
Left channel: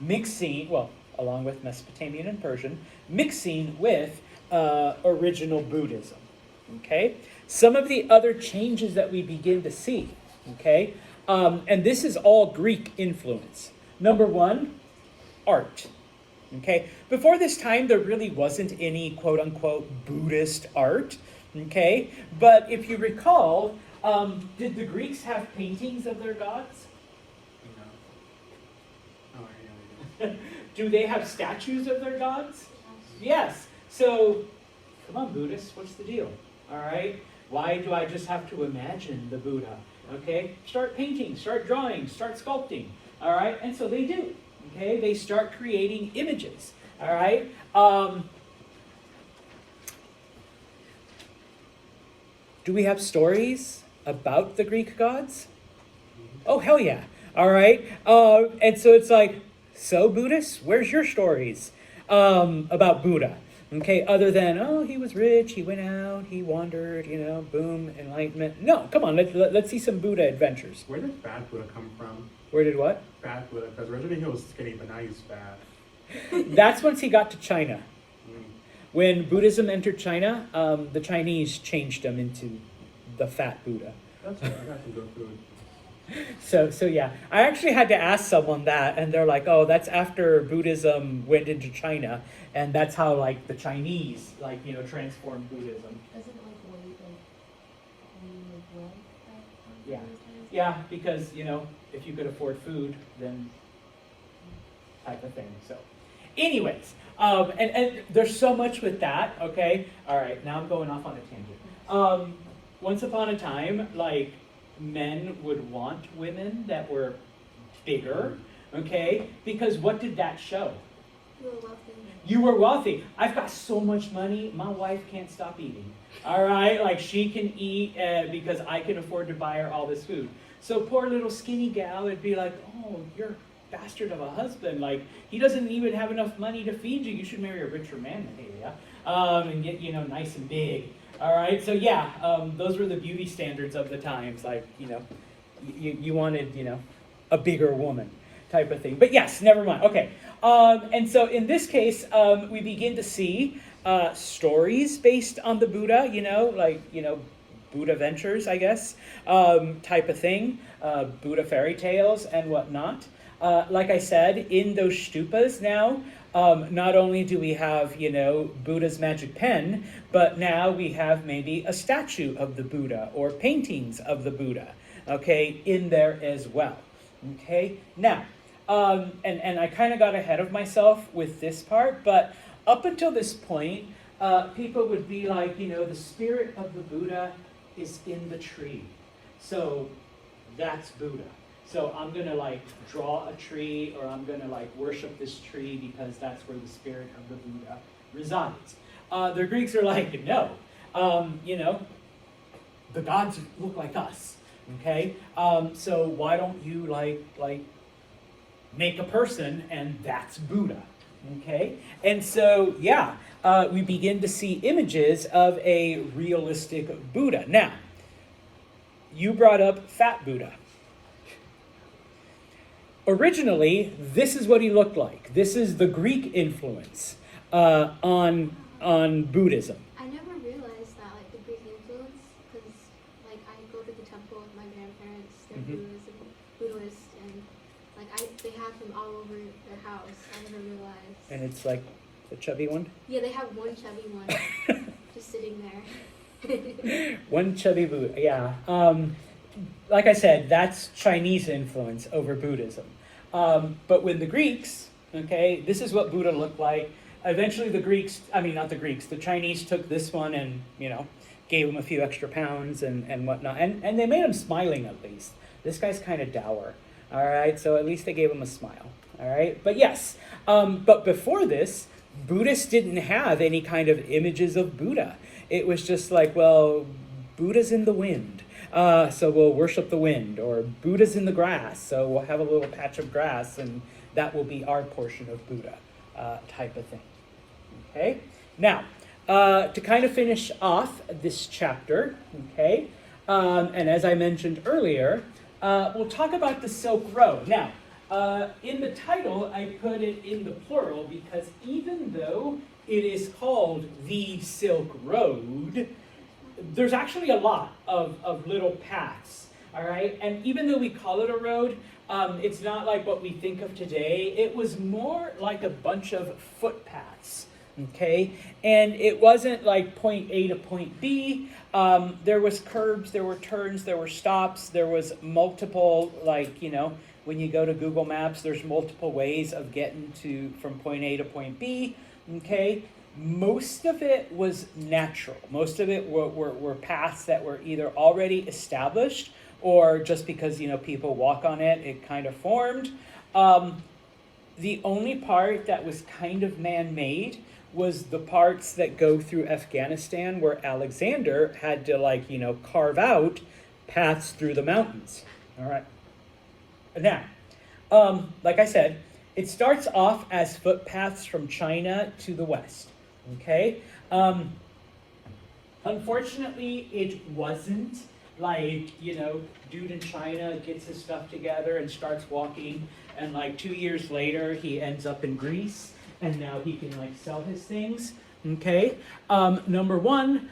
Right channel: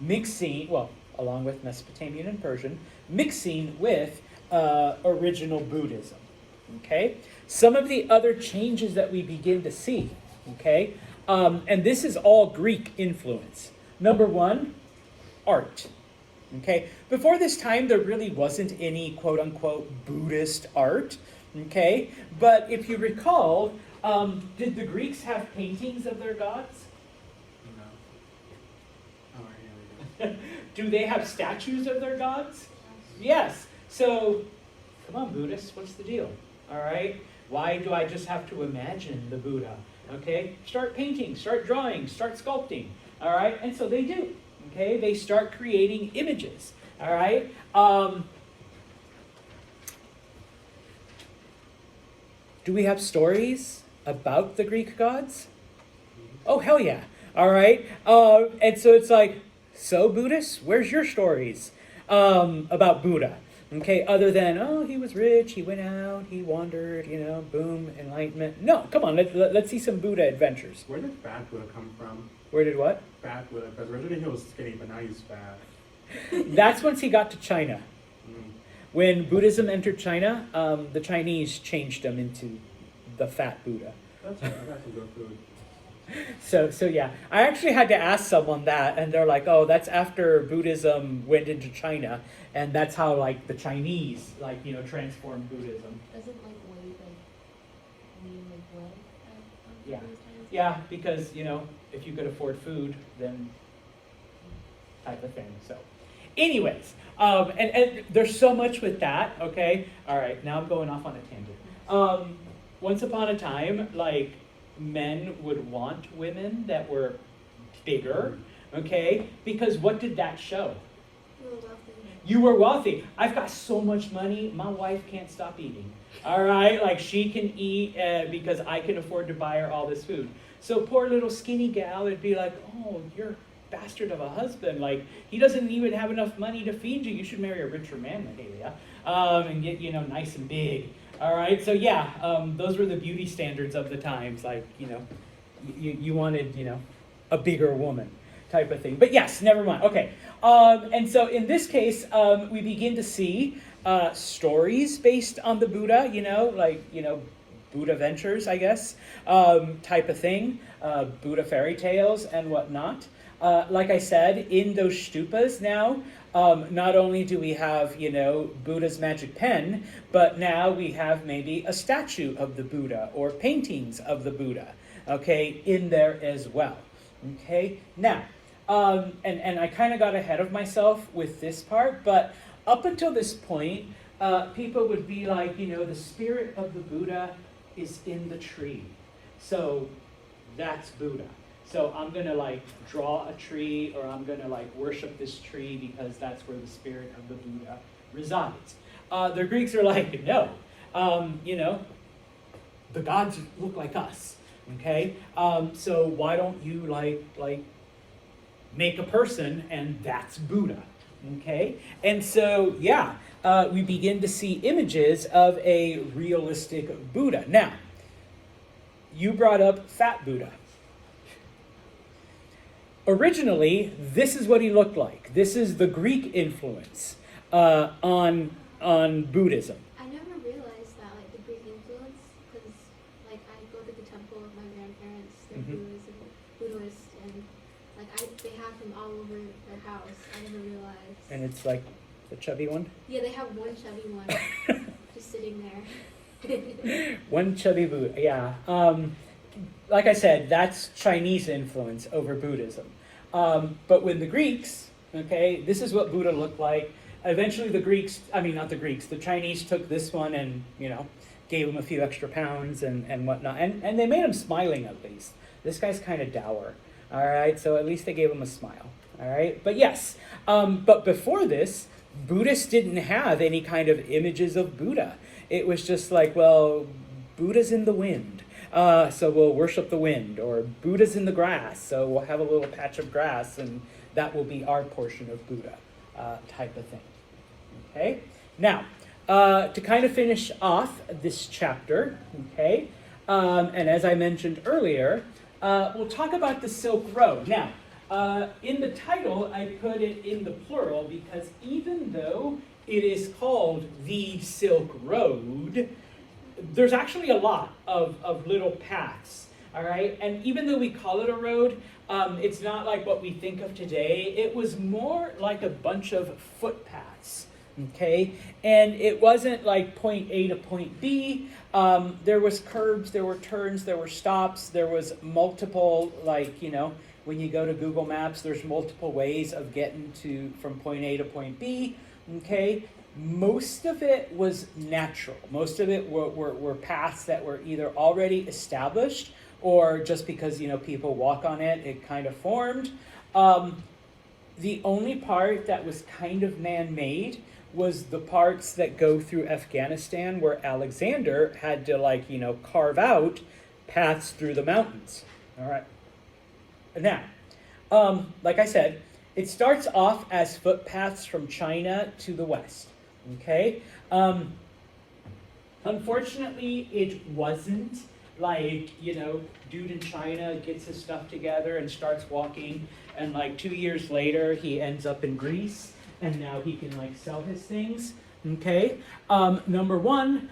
mixing, well, along with Mesopotamian and Persian, mixing with original Buddhism, okay? Some of the other changes that we begin to see, okay? And this is all Greek influence. Number one, art, okay? Before this time, there really wasn't any quote-unquote Buddhist art, okay? But if you recall, did the Greeks have paintings of their gods? No. Do they have statues of their gods? Yes. So, come on, Buddhists, what's the deal? All right? Why do I just have to imagine the Buddha? Okay? Start painting, start drawing, start sculpting. All right? And so they do. Okay? They start creating images. All right. Do we have stories about the Greek gods? Oh, hell yeah. All right. And so it's like, so Buddhists, where's your stories about Buddha? Okay, other than, oh, he was rich, he went out, he wandered, boom, enlightenment. No, come on, let's see some Buddha adventures. Where did Fat Buddha come from? Where did what? Fat Buddha, because originally he was skinny, but now he's fat. That's once he got to China. Mm. When Buddhism entered China, the Chinese changed him into the fat Buddha. That's right, I got some good food. So yeah, I actually had to ask someone that, and they're like, "Oh, that's after Buddhism went into China, and that's how like the Chinese transformed Buddhism." Doesn't like weight like when you were born? Yeah. Yeah, because if you could afford food, then type of thing. So, anyways, and there's so much with that. Okay, all right. Now I'm going off on a tangent. Once upon a time, like, men would want women that were bigger, okay? Because what did that show? You were wealthy. You were wealthy. I've got so much money, my wife can't stop eating. All right? Like, she can eat because I can afford to buy her all this food. So poor little skinny gal would be like, oh, you're a bastard of a husband. Like, he doesn't even have enough money to feed you. You should marry a richer man, Mahalia, and get, nice and big. All right, so yeah, those were the beauty standards of the times. Like, you wanted, a bigger woman type of thing. But yes, never mind. Okay, and so in this case, we begin to see stories based on the Buddha. Buddha ventures, I guess, type of thing. Buddha fairy tales and whatnot. Like I said, in those stupas now, not only do we have, Buddha's magic pen, but now we have maybe a statue of the Buddha or paintings of the Buddha, okay, in there as well, okay? Now, and I kind of got ahead of myself with this part, but up until this point, people would be like, the spirit of the Buddha is in the tree. So that's Buddha. So I'm going to draw a tree, or I'm going to worship this tree because that's where the spirit of the Buddha resides. The Greeks are like, no, the gods look like us, okay? So why don't you make a person, and that's Buddha, okay? And so, yeah, we begin to see images of a realistic Buddha. Now, you brought up Fat Buddha. Originally, this is what he looked like. This is the Greek influence on Buddhism. I never realized that, the Greek influence, because, I go to the temple with my grandparents, they're Buddhists, and, they have them all over their house. I never realized. And it's like the chubby one? Yeah, they have one chubby one just sitting there. One chubby Buddha, yeah. Like I said, that's Chinese influence over Buddhism. But when the Greeks, okay, this is what Buddha looked like. Eventually the Chinese took this one and, gave him a few extra pounds and whatnot. And they made him smiling at least. This guy's kind of dour. All right, so at least they gave him a smile. All right, but yes. But before this, Buddhists didn't have any kind of images of Buddha. It was just like, well, Buddha's in the wind. So we'll worship the wind, or Buddha's in the grass, so we'll have a little patch of grass, and that will be our portion of Buddha, type of thing. Okay? Now, to kind of finish off this chapter, okay, and as I mentioned earlier, we'll talk about the Silk Road. Now, in the title, I put it in the plural because even though it is called the Silk Road, there's actually a lot of little paths, all right? And even though we call it a road, it's not like what we think of today. It was more like a bunch of footpaths, okay? And it wasn't like point A to point B. There was curbs, there were turns, there were stops, there was multiple, when you go to Google Maps, there's multiple ways of getting from point A to point B, okay? Most of it was natural. Most of it were paths that were either already established or just because, people walk on it, it kind of formed. The only part that was kind of man-made was the parts that go through Afghanistan, where Alexander had to, like, carve out paths through the mountains. All right. Now, like I said, it starts off as footpaths from China to the west. Okay. Unfortunately, it wasn't like, dude in China gets his stuff together and starts walking, and like 2 years later, he ends up in Greece, and now he can like sell his things. Okay. Number one,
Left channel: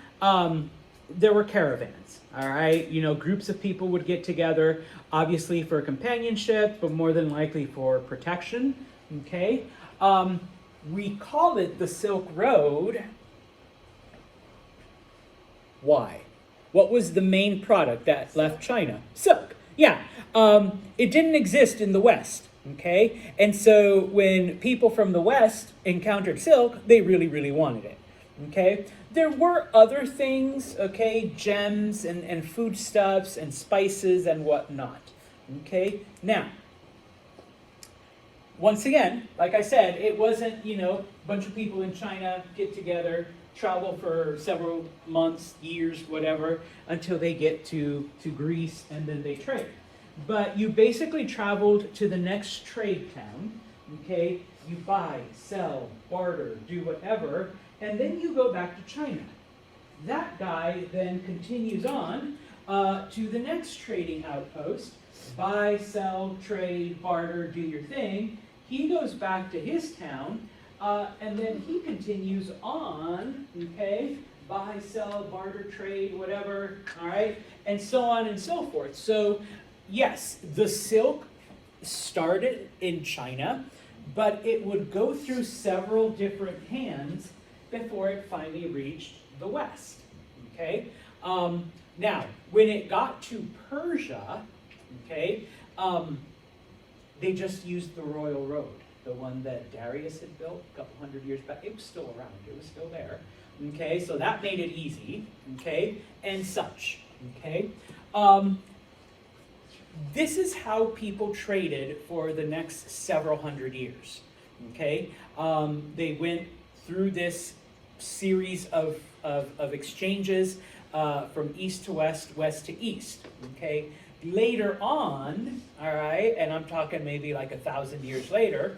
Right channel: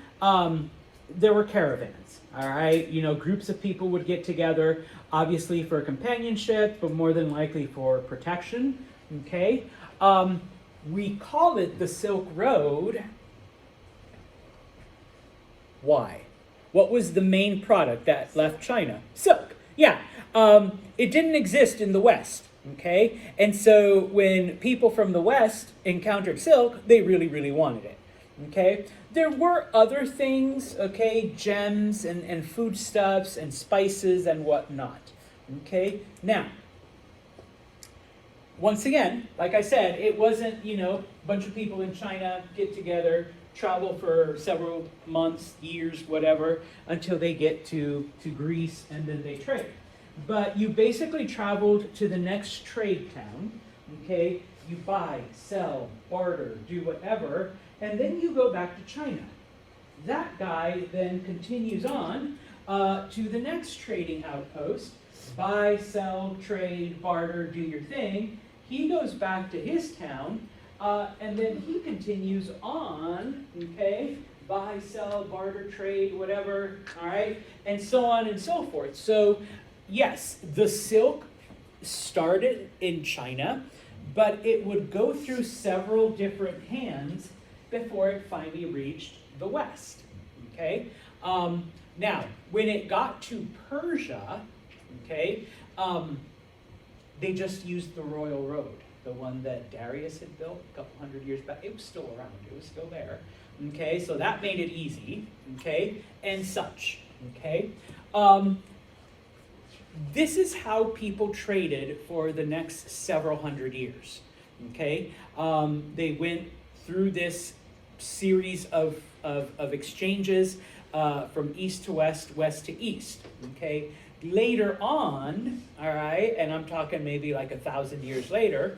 there were caravans. All right. Groups of people would get together, obviously for companionship, but more than likely for protection. Okay. We call it the Silk Road. Why? What was the main product that left China? Silk. Yeah. It didn't exist in the West. Okay. And so when people from the West encountered silk, they really, really wanted it. Okay. There were other things, okay, gems and foodstuffs and spices and whatnot. Okay. Now, once again, like I said, it wasn't, a bunch of people in China get together, travel for several months, years, whatever, until they get to Greece, and then they trade. But you basically traveled to the next trade town, okay? You buy, sell, barter, do whatever, and then you go back to China. That guy then continues on to the next trading outpost, buy, sell, trade, barter, do your thing. He goes back to his town, and then he continues on, okay, buy, sell, barter, trade, whatever, all right, and so on and so forth. So, yes, the silk started in China, but it would go through several different hands before it finally reached the West, okay? Now, when it got to Persia, okay, they just used the Royal Road, the one that Darius had built a couple hundred years back. It was still around. It was still there. Okay, so that made it easy. Okay, and such. Okay. This is how people traded for the next several hundred years. Okay, they went through this series of exchanges from east to west, west to east. Okay. Later on, all right, and I'm talking maybe like 1,000 years later,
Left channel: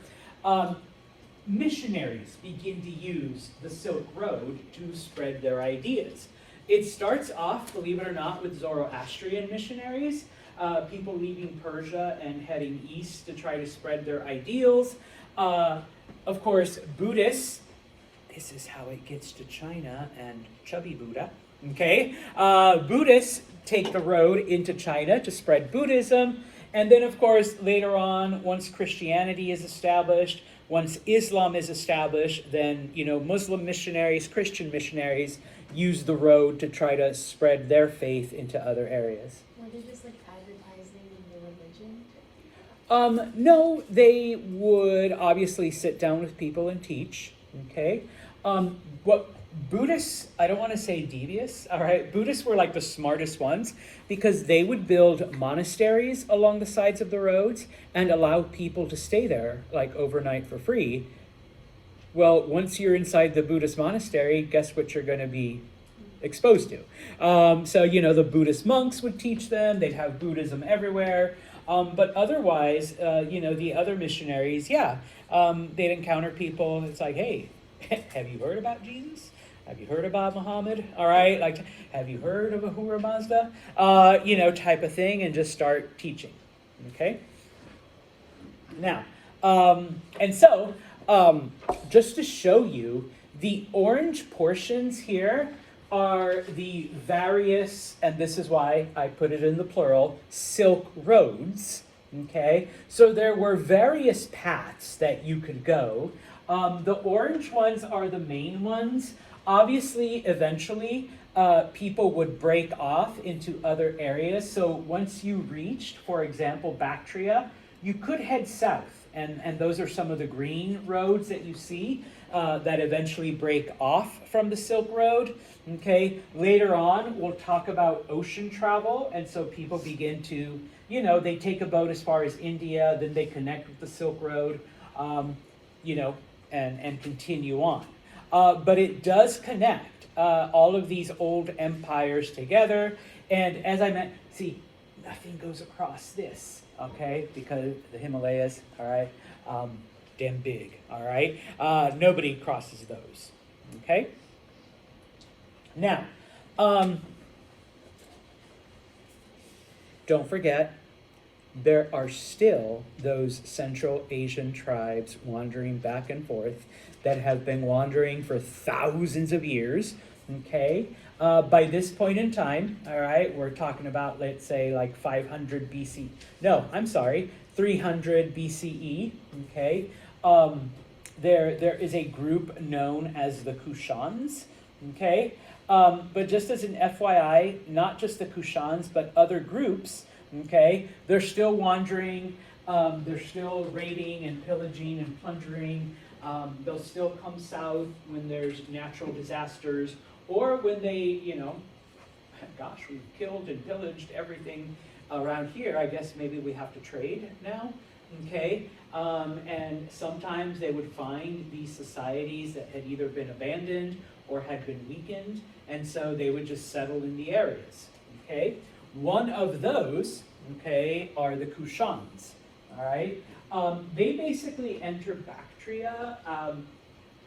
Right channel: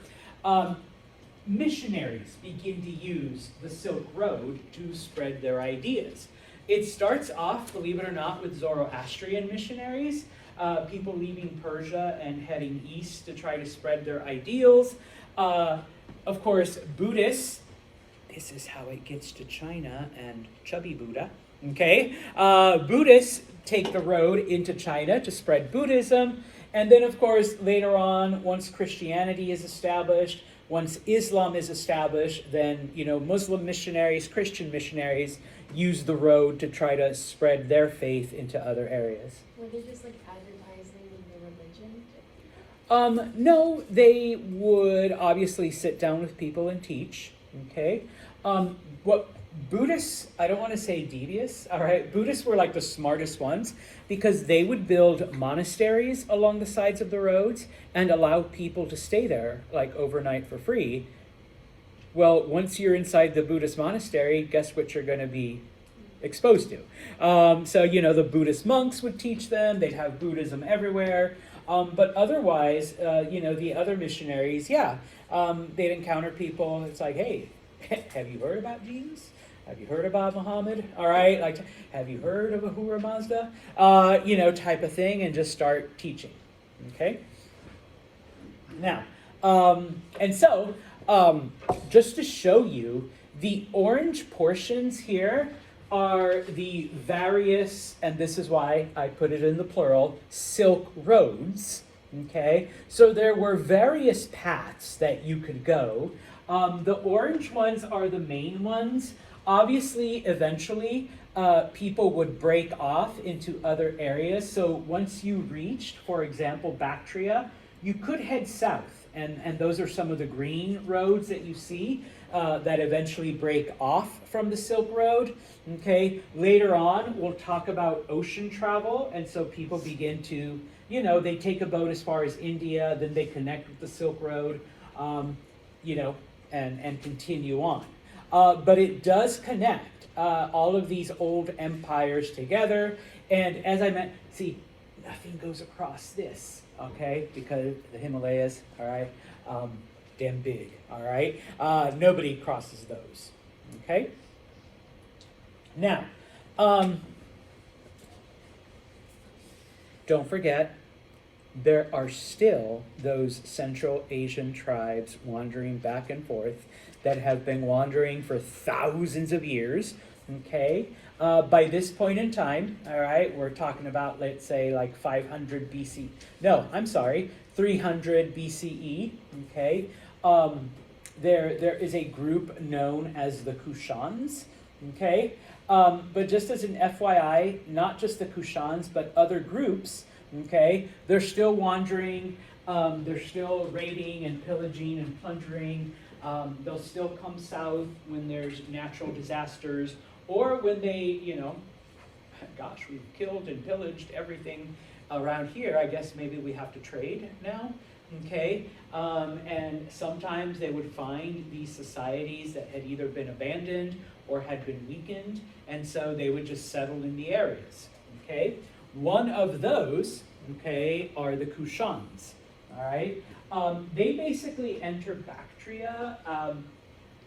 missionaries begin to use the Silk Road to spread their ideas. It starts off, believe it or not, with Zoroastrian missionaries, people leaving Persia and heading east to try to spread their ideals. Of course, Buddhists, this is how it gets to China and chubby Buddha, okay? Buddhists take the road into China to spread Buddhism. And then, of course, later on, once Christianity is established, once Islam is established, then, Muslim missionaries, Christian missionaries use the road to try to spread their faith into other areas. Were they just like advertising the religion? No, they would obviously sit down with people and teach, okay? What Buddhists, I don't want to say devious, all right? Buddhists were like the smartest ones because they would build monasteries along the sides of the roads and allow people to stay there like overnight for free. Well, once you're inside the Buddhist monastery, guess what you're going to be exposed to? So, the Buddhist monks would teach them. They'd have Buddhism everywhere. But otherwise, the other missionaries, they'd encounter people. It's like, hey, have you heard about Jesus? Have you heard about Muhammad? All right, like, have you heard of Ahura Mazda? Type of thing, and just start teaching. Okay. Now, and so, just to show you, the orange portions here are the various, and this is why I put it in the plural, silk roads. Okay, so there were various paths that you could go. The orange ones are the main ones. Obviously, eventually, people would break off into other areas. So once you reached, for example, Bactria, you could head south. And those are some of the green roads that you see that eventually break off from the Silk Road. Okay, later on, we'll talk about ocean travel. And so people begin to, they take a boat as far as India, then they connect with the Silk Road. you know, and continue on. But it does connect all of these old empires together. And as I meant, see, nothing goes across this, okay? Because the Himalayas, all right, damn big, all right? Nobody crosses those, okay? Now, don't forget, there are still those Central Asian tribes wandering back and forth that have been wandering for thousands of years, okay? By this point in time, all right, we're talking about, let's say, like 500 BC. No, I'm sorry, 300 BCE, okay? There is a group known as the Kushans, okay? But just as an FYI, not just the Kushans, but other groups, okay, they're still wandering, they're still raiding and pillaging and plundering. They'll still come south when there's natural disasters, or when they, you know, gosh, we've killed and pillaged everything around here. I guess maybe we have to trade now, okay? And sometimes they would find these societies that had either been abandoned or had been weakened, and so they would just settle in the areas, okay? One of those, okay, are the Kushans, all right? They basically entered Bactria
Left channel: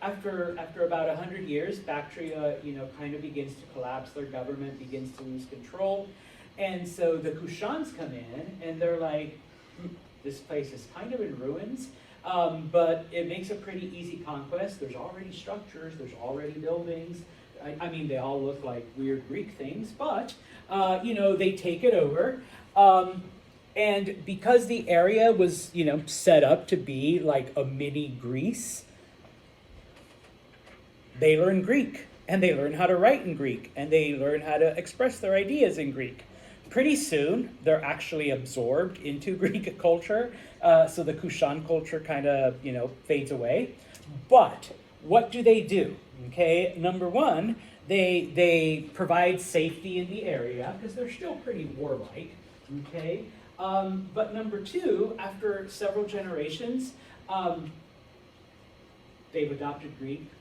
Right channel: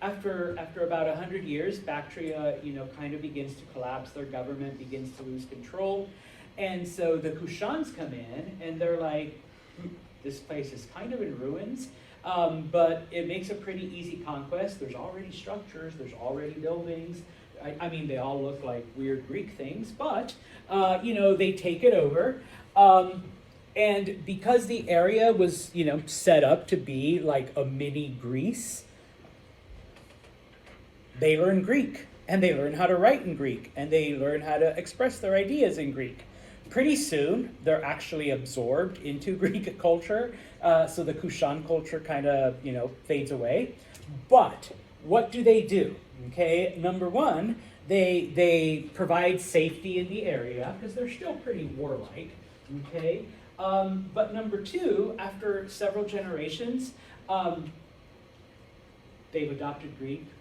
after about 100 years. Bactria, you know, kind of begins to collapse. Their government begins to lose control, and so the Kushans come in, and they're like, this place is kind of in ruins, but it makes a pretty easy conquest. There's already structures, there's already buildings. I mean, they all look like weird Greek things, but, you know, they take it over. And because the area was, you know, set up to be like a mini Greece, they learn Greek, and they learn how to write in Greek, and they learn how to express their ideas in Greek. Pretty soon, they're actually absorbed into Greek culture, so the Kushan culture kind of, you know, fades away. But what do? Okay, number one, they provide safety in the area because they're still pretty warlike. Okay, but number two, after several generations, they've adopted Greek,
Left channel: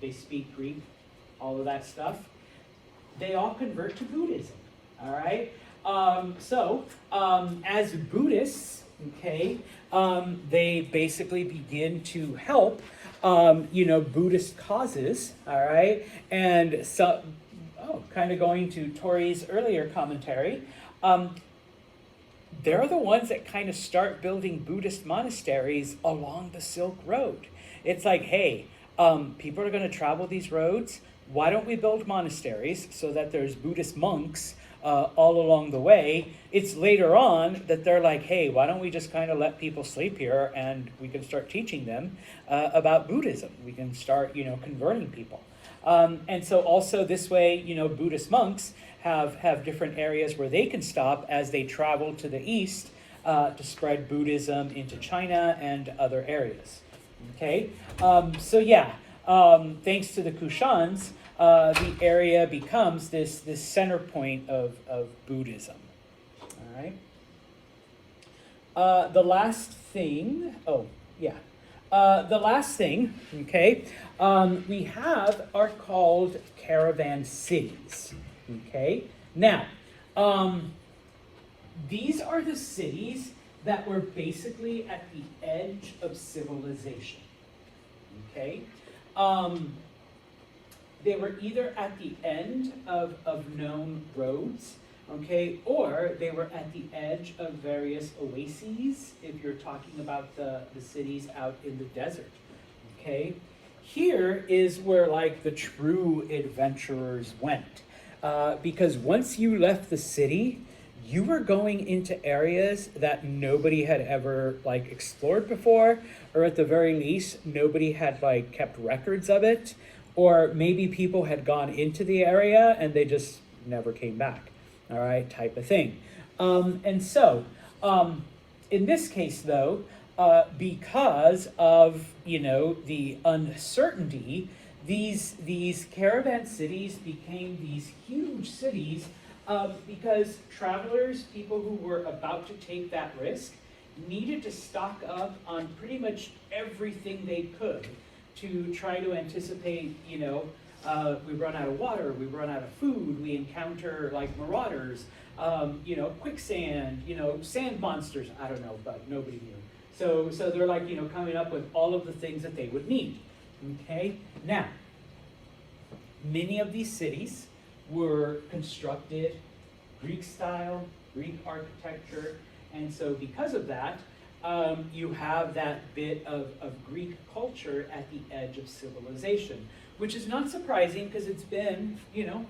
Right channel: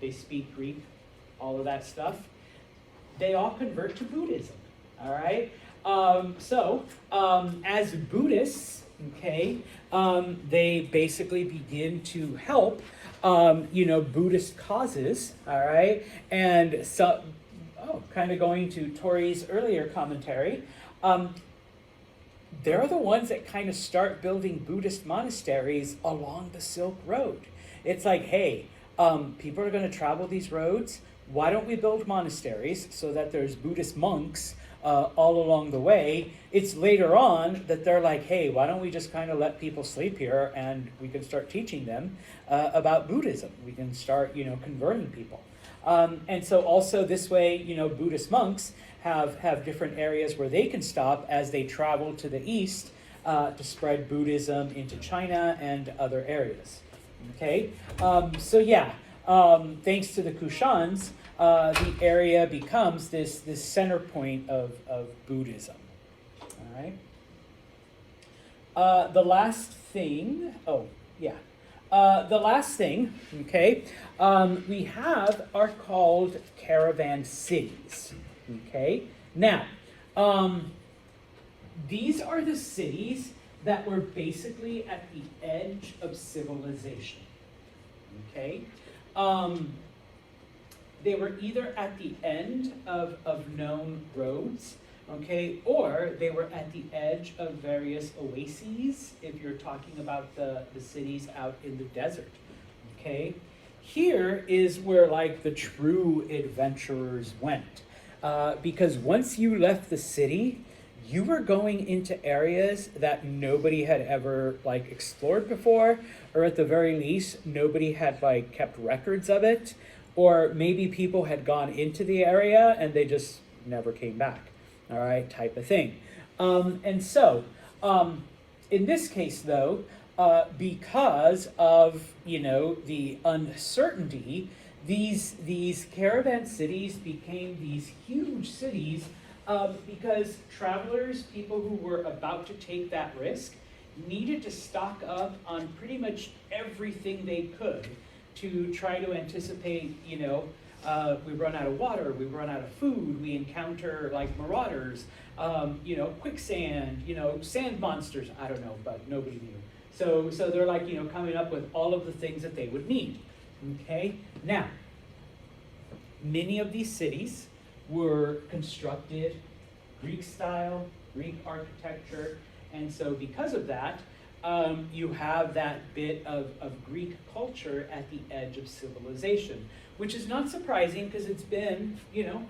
they speak Greek, all of that stuff. They all convert to Buddhism. All right. As Buddhists, okay, they basically begin to help, you know, Buddhist causes, all right, and so, kind of going to Tori's earlier commentary, they're the ones that kind of start building Buddhist monasteries along the Silk Road. It's like, hey, people are going to travel these roads. Why don't we build monasteries so that there's Buddhist monks all along the way? It's later on that they're like, hey, why don't we just kind of let people sleep here and we can start teaching them about Buddhism. We can start, you know, converting people. And so also this way, you know, Buddhist monks have different areas where they can stop as they travel to the east to spread Buddhism into China and other areas. Okay, so yeah, thanks to the Kushans, the area becomes this center point of Buddhism. All right. The last thing, okay, we have are called caravan cities. Okay, now, these are the cities that were basically at the edge of civilization. Okay, they were either at the end of known roads, okay, or they were at the edge of various oases, if you're talking about the cities out in the desert, okay? Here is where, like, the true adventurers went, because once you left the city, you were going into areas that nobody had ever, like, explored before, or at the very least, nobody had, like, kept records of it, or maybe people had gone into the area and they just never came back, all right, type of thing. And so, in this case, though, because of, you know, the uncertainty, these caravan cities became these huge cities because travelers, people who were about to take that risk, needed to stock up on pretty much everything they could to try to anticipate, we run out of water, we run out of food, we encounter like marauders, quicksand, sand monsters, I don't know, but nobody knew. So they're like, coming up with all of the things that they would need. Okay, now, many of these cities were constructed Greek style, Greek architecture, and so because of that, you have that bit of Greek culture at the edge of civilization, which is not surprising because it's been,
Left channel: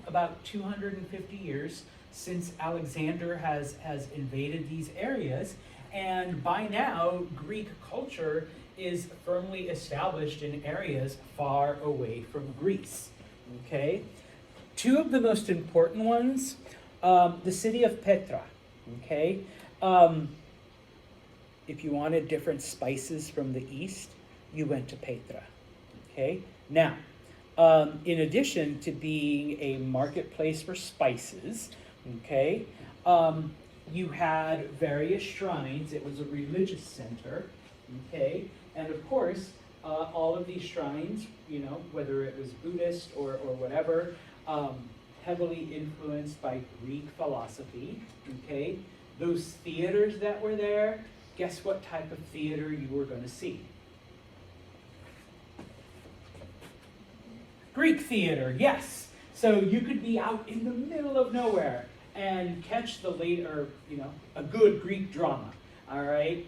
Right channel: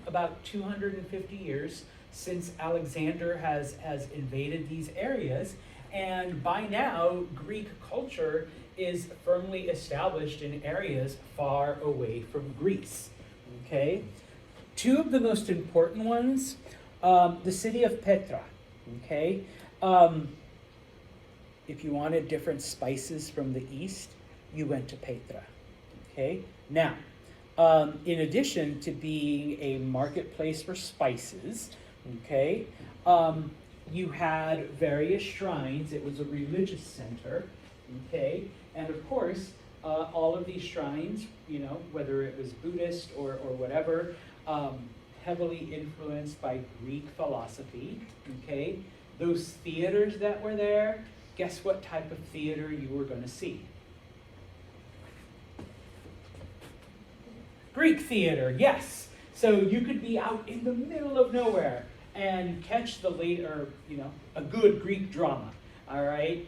about 250 years since Alexander has invaded these areas, and by now, Greek culture is firmly established in areas far away from Greece, okay? Two of the most important ones, the city of Petra, okay? If you wanted different spices from the east, you went to Petra, okay? Now, in addition to being a marketplace for spices, okay, you had various shrines. It was a religious center, okay? And of course, all of these shrines, whether it was Buddhist or whatever, heavily influenced by Greek philosophy, okay? Those theaters that were there, guess what type of theater you were going to see? Greek theater, yes. So you could be out in the middle of nowhere and catch the later, a good Greek drama, all right?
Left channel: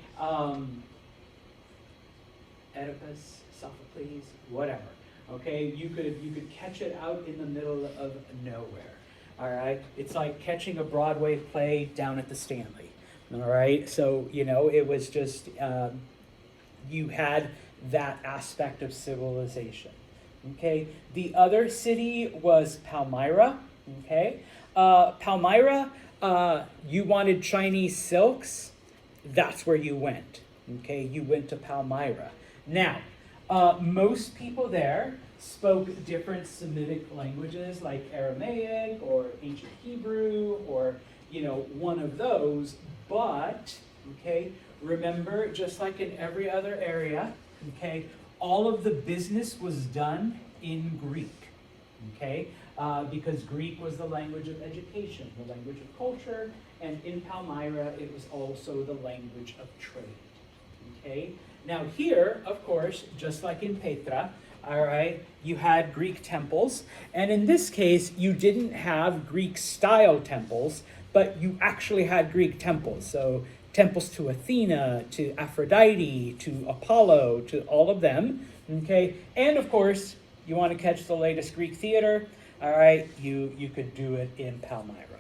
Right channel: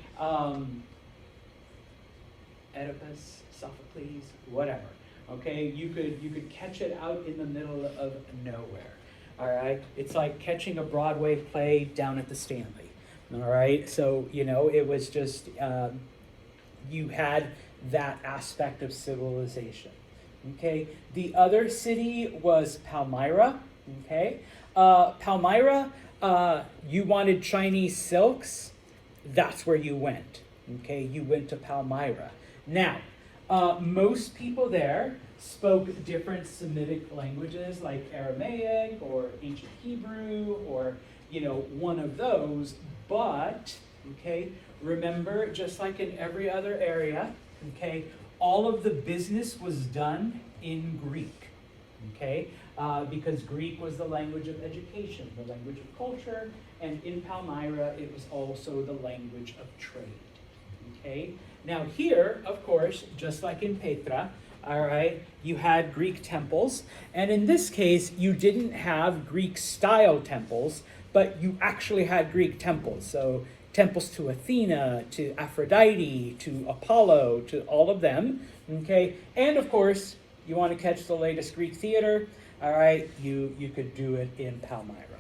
Oedipus, Sophocles, whatever, okay? You could catch it out in the middle of nowhere, all right? It's like catching a Broadway play down at the Stanley, all right? So, it was just, you had that aspect of civilization, okay? The other city was Palmyra, okay? Palmyra, you wanted Chinese silks, that's where you went, okay? You went to Palmyra. Now, most people there spoke different Semitic languages like Aramaic or ancient Hebrew or, one of those, but, okay, remember, just like in every other area, okay, all of the business was done in Greek, okay? Because Greek was the language of education, the language of culture, and in Palmyra, it was also the language of trade, okay? Now here, of course, just like in Petra, all right, you had Greek temples, and in this case, you didn't have Greek-style temples, but you actually had Greek temples. So temples to Athena, to Aphrodite, to Apollo, to all of them, okay? And of course, you want to catch the latest Greek theater, all right, you could do it in Palmyra,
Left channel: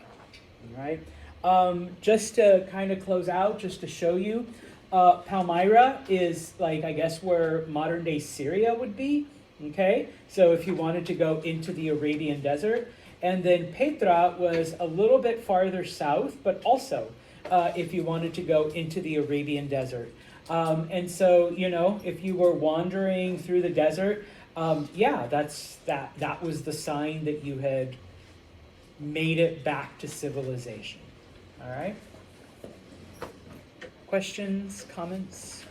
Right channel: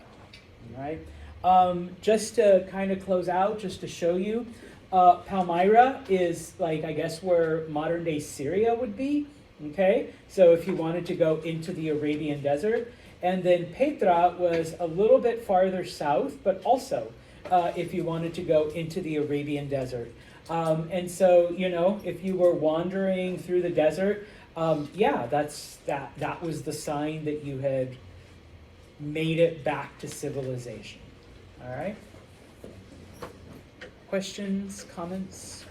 all right? Just to kind of close out, just to show you, Palmyra is like, I guess, where modern day Syria would be, okay? So if you wanted to go into the Arabian desert, and then Petra was a little bit farther south, but also if you wanted to go into the Arabian desert. And so, if you were wandering through the desert, that was the sign that you had made it back to civilization. All right? Questions, comments?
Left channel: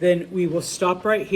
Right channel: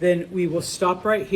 Then we will stop right here.